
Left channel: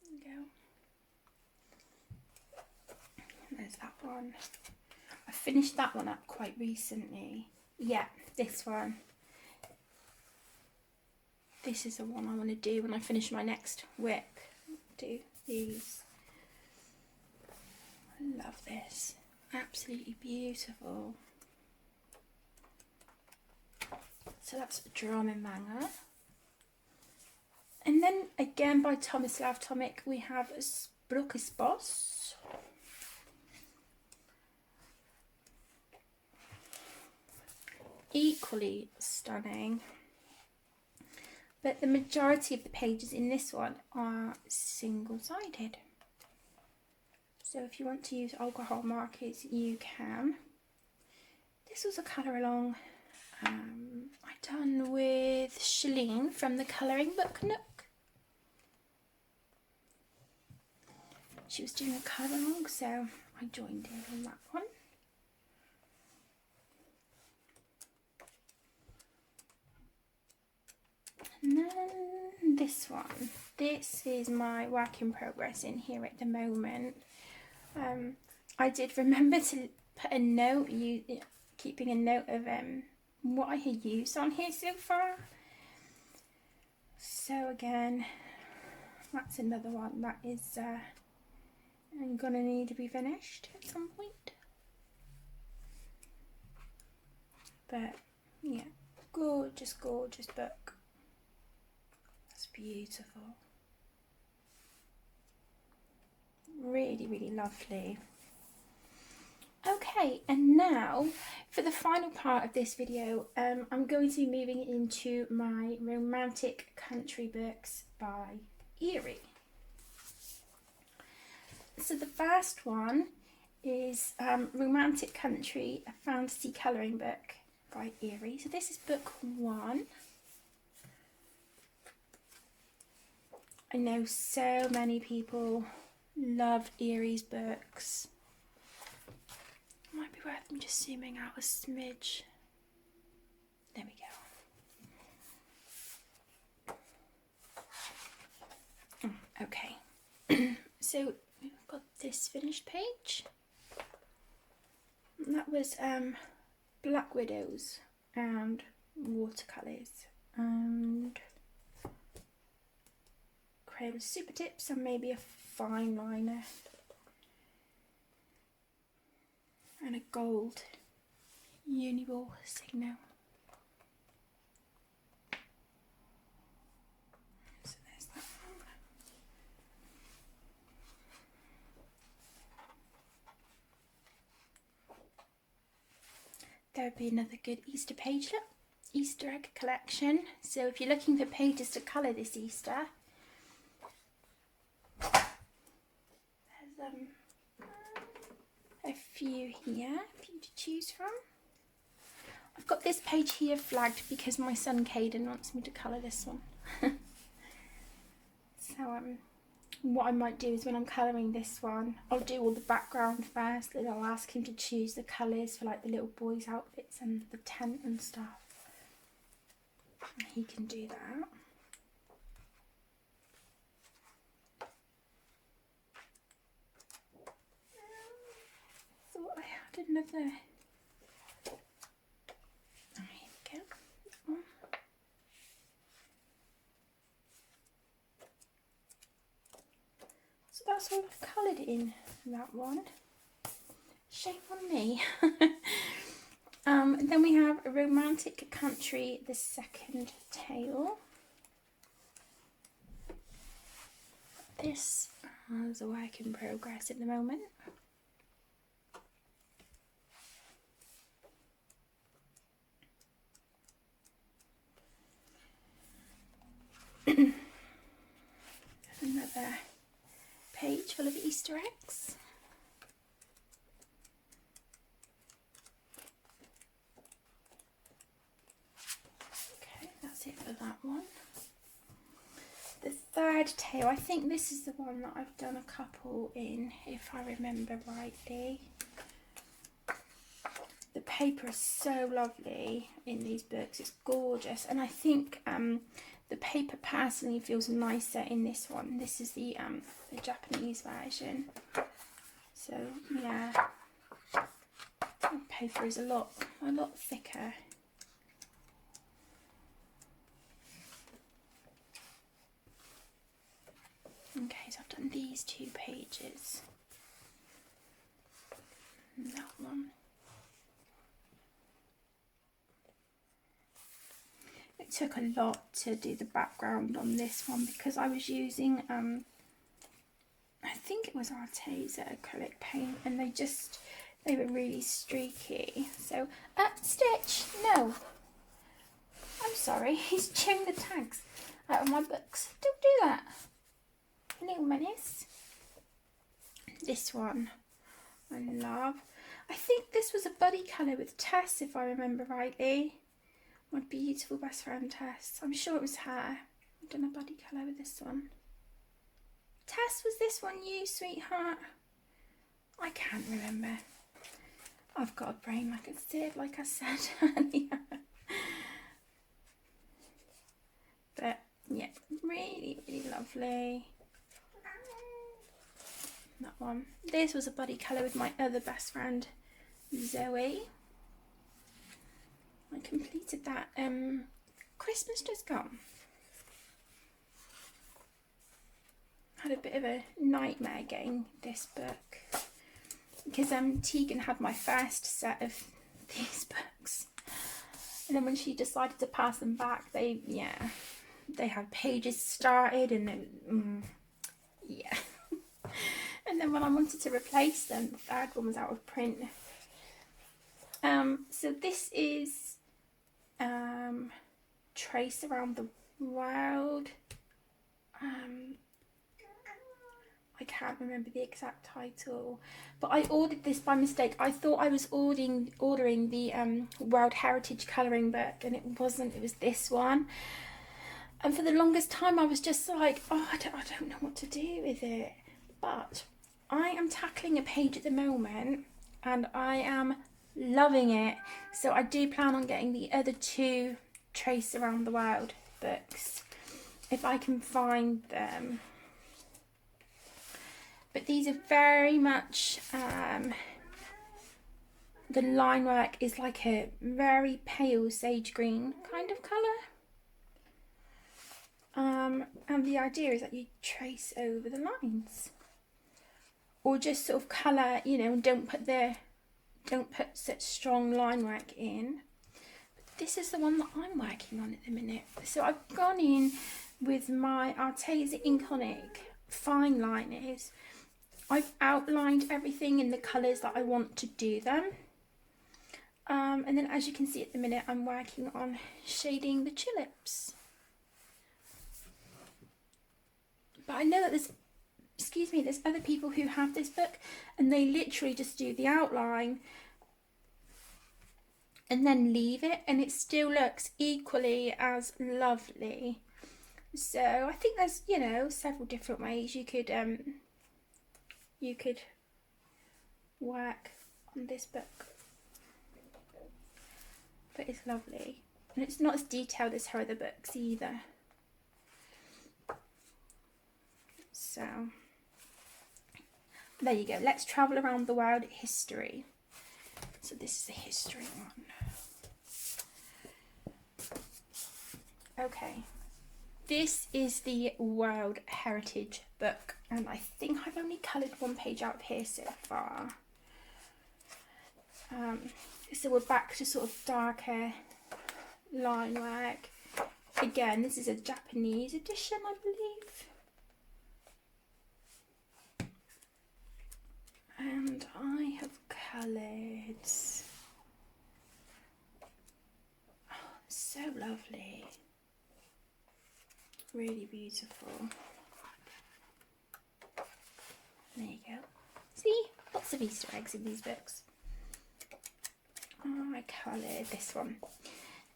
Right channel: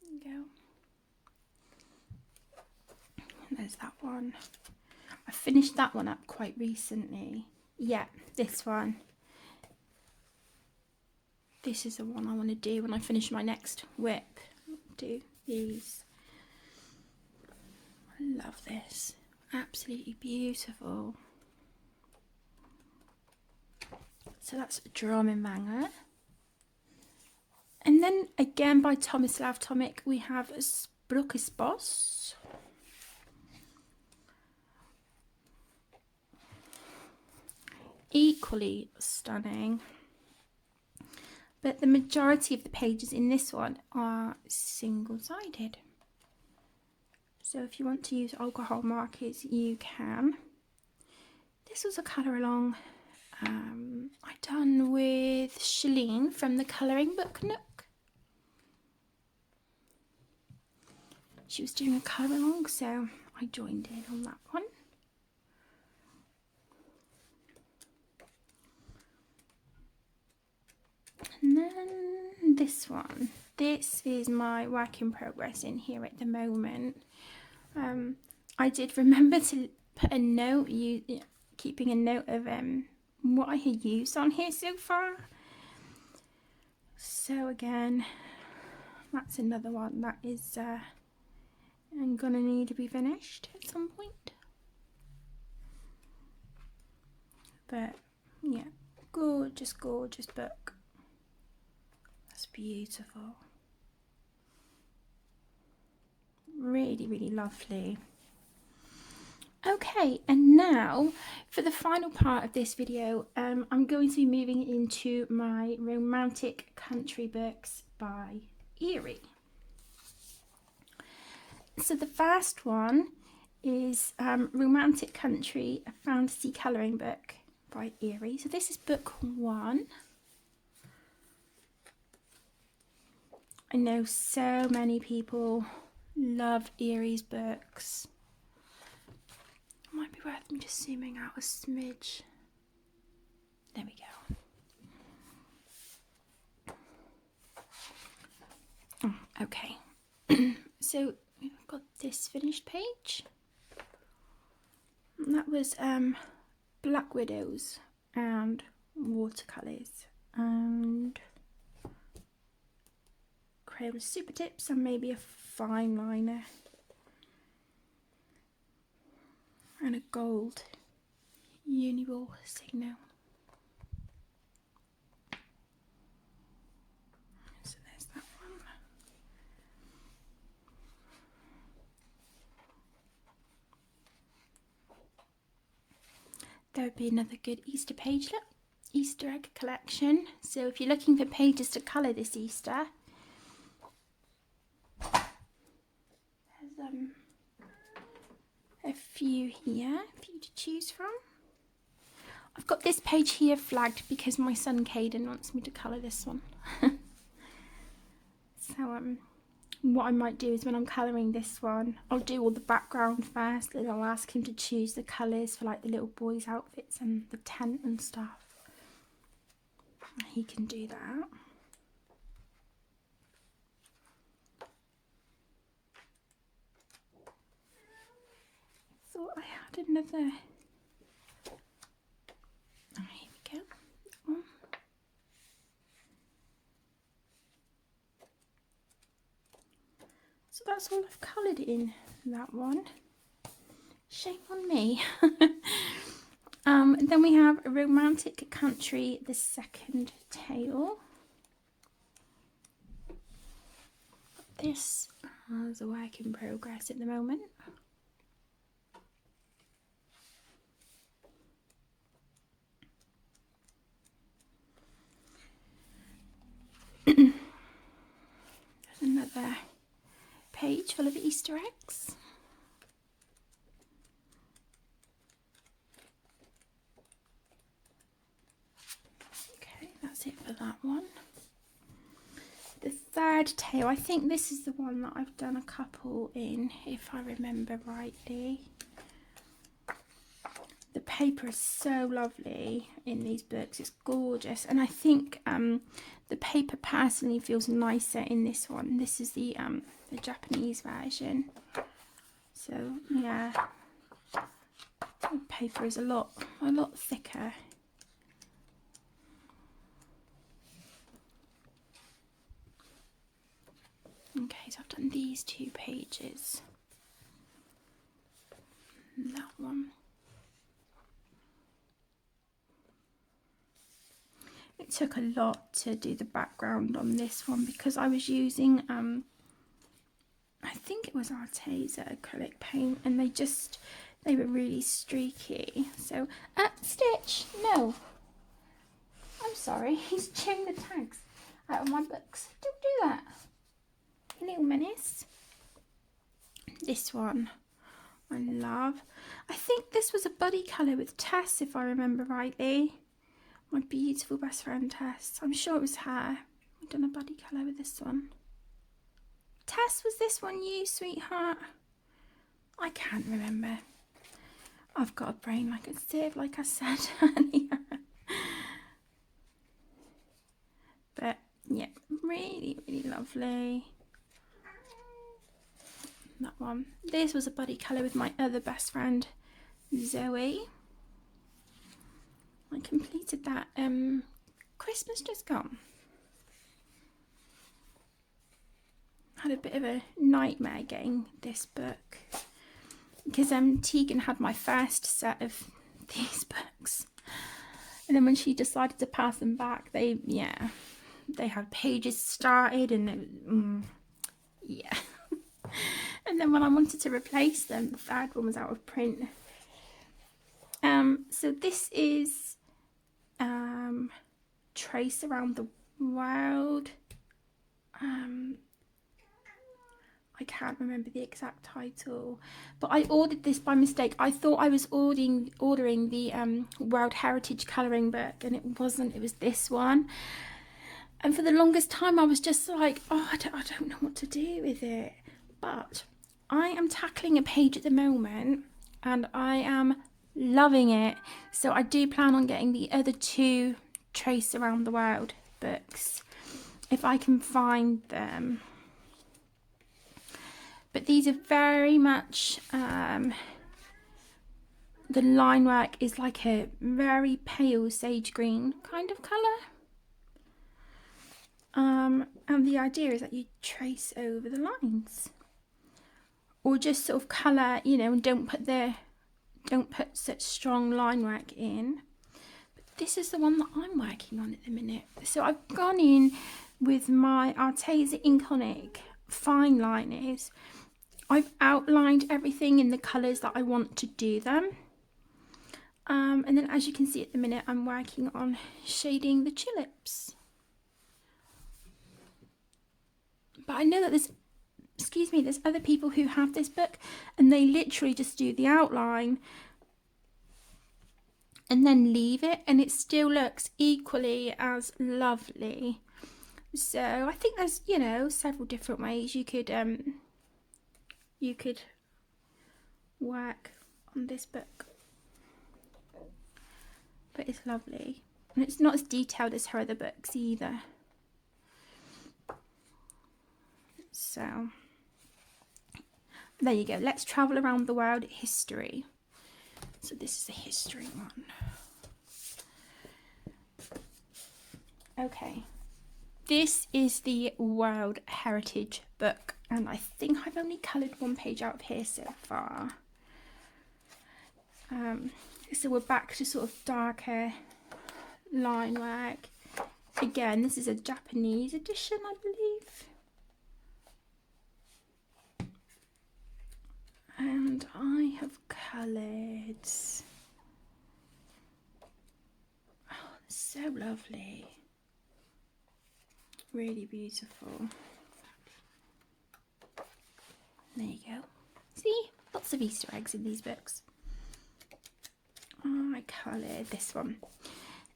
There we go. There's that one. I finished that one up quite recently. Yeah, this one. This is the one I want to do when I finish my next whip. Do these. I love this. Absolutely beautiful. So that's a drama manga. And then again by Tomislav Tomic we have Spruce Boss. Equally stunning. But the majority of the pages in this one are single-sided. So if you want to use alcohol markers, you can. This was a colour along I done with Shalene from the Colouring Book Nook. She was doing a colour along, so I joined in on that one. And then this one. This is my work in progress in here at the moment. I did remember to put a note, keeping a note of what I had used on here so far. So again, that's another one that is I'm gonna need to be finished at some point. But yeah, gorgeous, gorgeous book. That's beautiful. Really, really lovely. Okay, and now for the final part of this video, I'm going to be moving into my romantic country books by Eerie. So the first one is Romantic Country, a fantasy colouring book by Eerie. So this is book 1. I know so many people love Eerie's books. It might be worth me just zooming out a smidge. There we go. Okay. So we've got this finished page. And that was Black Widows and watercolours and Crayola Super Tips and maybe a fine liner and a gold Uniball signal. So there's that one. There would be another good Easter page, look, Easter egg collection. So if you're looking for pages to colour this Easter, there's a few here for you to choose from. I've got this page here flagged because my son Caden wants me to colour this one. So what I might do is when I'm colouring this one, I'll do all the background first, and I'll ask him to choose the colours for like the little boys' outfits and the tent and stuff. He can do that. Thought I had another. Oh, here we go. Oh. So that's all I've coloured in that one. Shame on me. Then we have a Romantic Country, the second tale. This is a work in progress at the moment. Another page full of Easter eggs. Okay, that's it for that one. The third tale, I think this is the one that I've done a couple in, if I remember rightly. The paper is so lovely in these books, it's gorgeous, and I think the paper personally feels nicer in this one. This is the Japanese version. So yeah, the paper is a lot thicker. Okay, so I've done these 2 pages. And that one. It took a lot to do the background on this one because I was using I think it was Arteza acrylic paint, and they were really streaky. So Stitch, no, I'm sorry, he's chewing the tags out of my books. Don't do that, you little menace. This one I love. I think this was a buddy colour with Tess, if I remember rightly. My beautiful best friend Tess. I'm sure it was her. I've done a buddy colour with this one. Tess, was this one you, sweetheart? I can't remember. I've got a brain like a sieve, like I said earlier. But yeah, really, really lovely. That one. This was a buddy colour with my other best friend, Zoe. I completed that Christmas just gone. Had a bit of a nightmare getting this book because Tegan had my first set of these books, and then when she decided to pass them back, they had pages started, and yeah. And then when I wanted to replace them, the third one was out of print. So this is Trace Around the World. I can't remember the exact title, but I ordered this by mistake. I thought I was ordering the World Heritage colouring book, and it wasn't. It was this one. And for the longest time I was just like, oh, I don't know what to do with it. But I am tackling a page at the moment and I am loving it. So I do plan on getting the other 2 Trace Around the World books if I can find them. But these are very much, the line work is like a very pale sage green kind of colour. And the idea is that you trace over the lines. Or just sort of colour, you know, and don't put such strong line work in. But this is the one that I'm working on at the minute. So I've gone in with my Arteza Inconic fine liners. I've outlined everything in the colours that I want to do them. And then as you can see at the minute, I'm working on shading the tulips. But I know that there's other people who have this book and they literally just do the outline and then leave it, and it still looks equally as lovely. So I think there's, you know, several different ways you could work on this book, but it's lovely, and it's not as detailed as her other books either. So there you go. Let's travel around the world. History. So this is the history one. Okay, this is the World Heritage book, and I think I've only coloured one page out of here so far. So we're back to sort of darker line work. Again, this is a Japanese edition, I believe. And I have coloured. Oh, so lovely. Really beautiful. There you go. See? Lots of Easter eggs in these books. I coloured this one.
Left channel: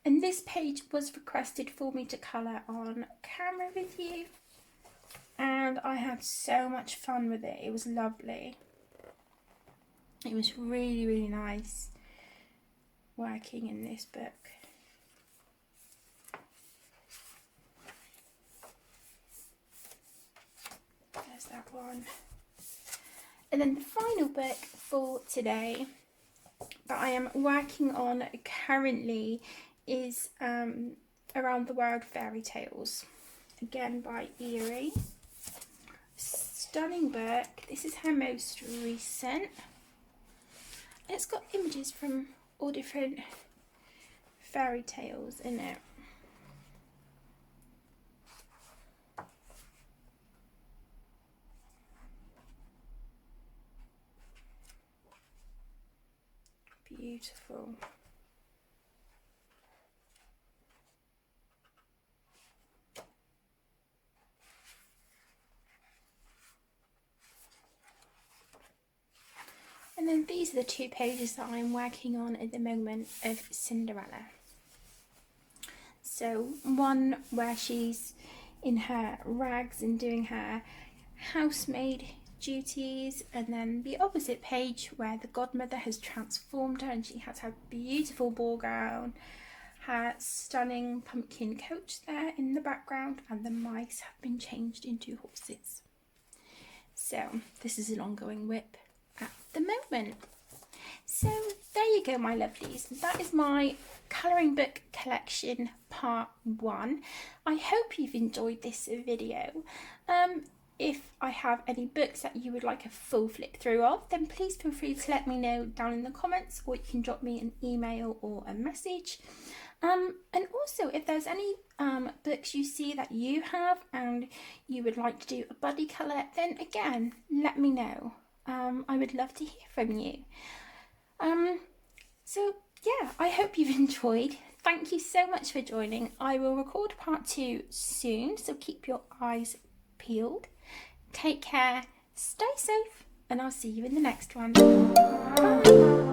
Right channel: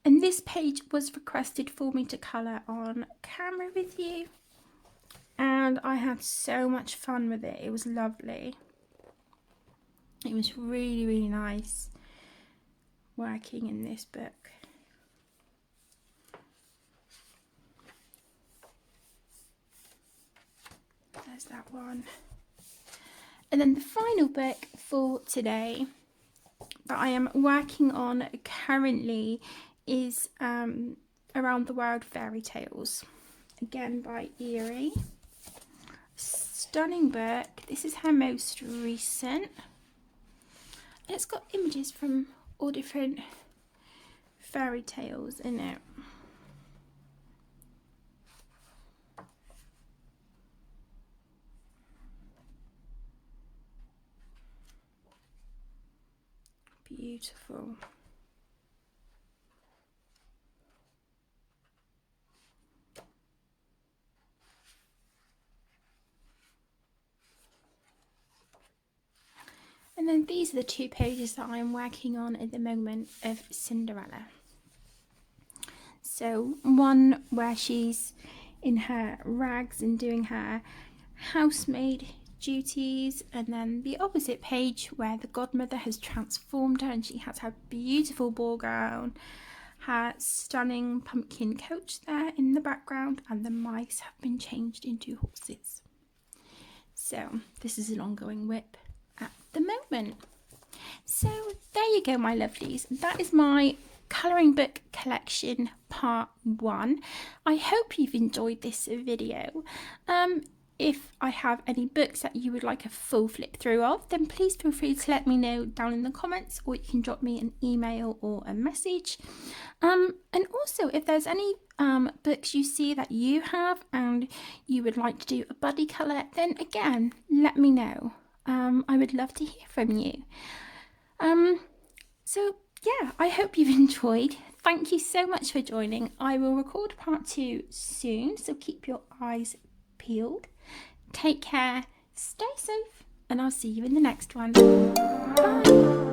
And this page was requested for me to colour on camera with you. And I had so much fun with it. It was lovely. It was really, really nice working in this book. There's that one. And then the final book for today that I am working on currently is Around the World Fairy Tales, again by Eerie. Stunning book. This is her most recent. It's got images from all different fairy tales in it. Beautiful. And then these are the two pages that I'm working on at the moment of Cinderella. So one where she's in her rags and doing her housemaid duties, and then the opposite page where the godmother has transformed her and she has her beautiful ball gown, her stunning pumpkin coach there in the background, and the mice have been changed into horses. So this is an ongoing whip at the moment. So there you go, my lovelies. That is my colouring book collection part 1. I hope you've enjoyed this video. If I have any books that you would like a full flip through of, then please feel free to let me know down in the comments, or you can drop me an email or a message. And also, if there's any books you see that you have and you would like to do a buddy colour, then again, let me know. I would love to hear from you. So yeah, I hope you've enjoyed. Thank you so much for joining. I will record part 2 soon, so keep your eyes peeled. Take care, stay safe, and I'll see you in the next one. Bye.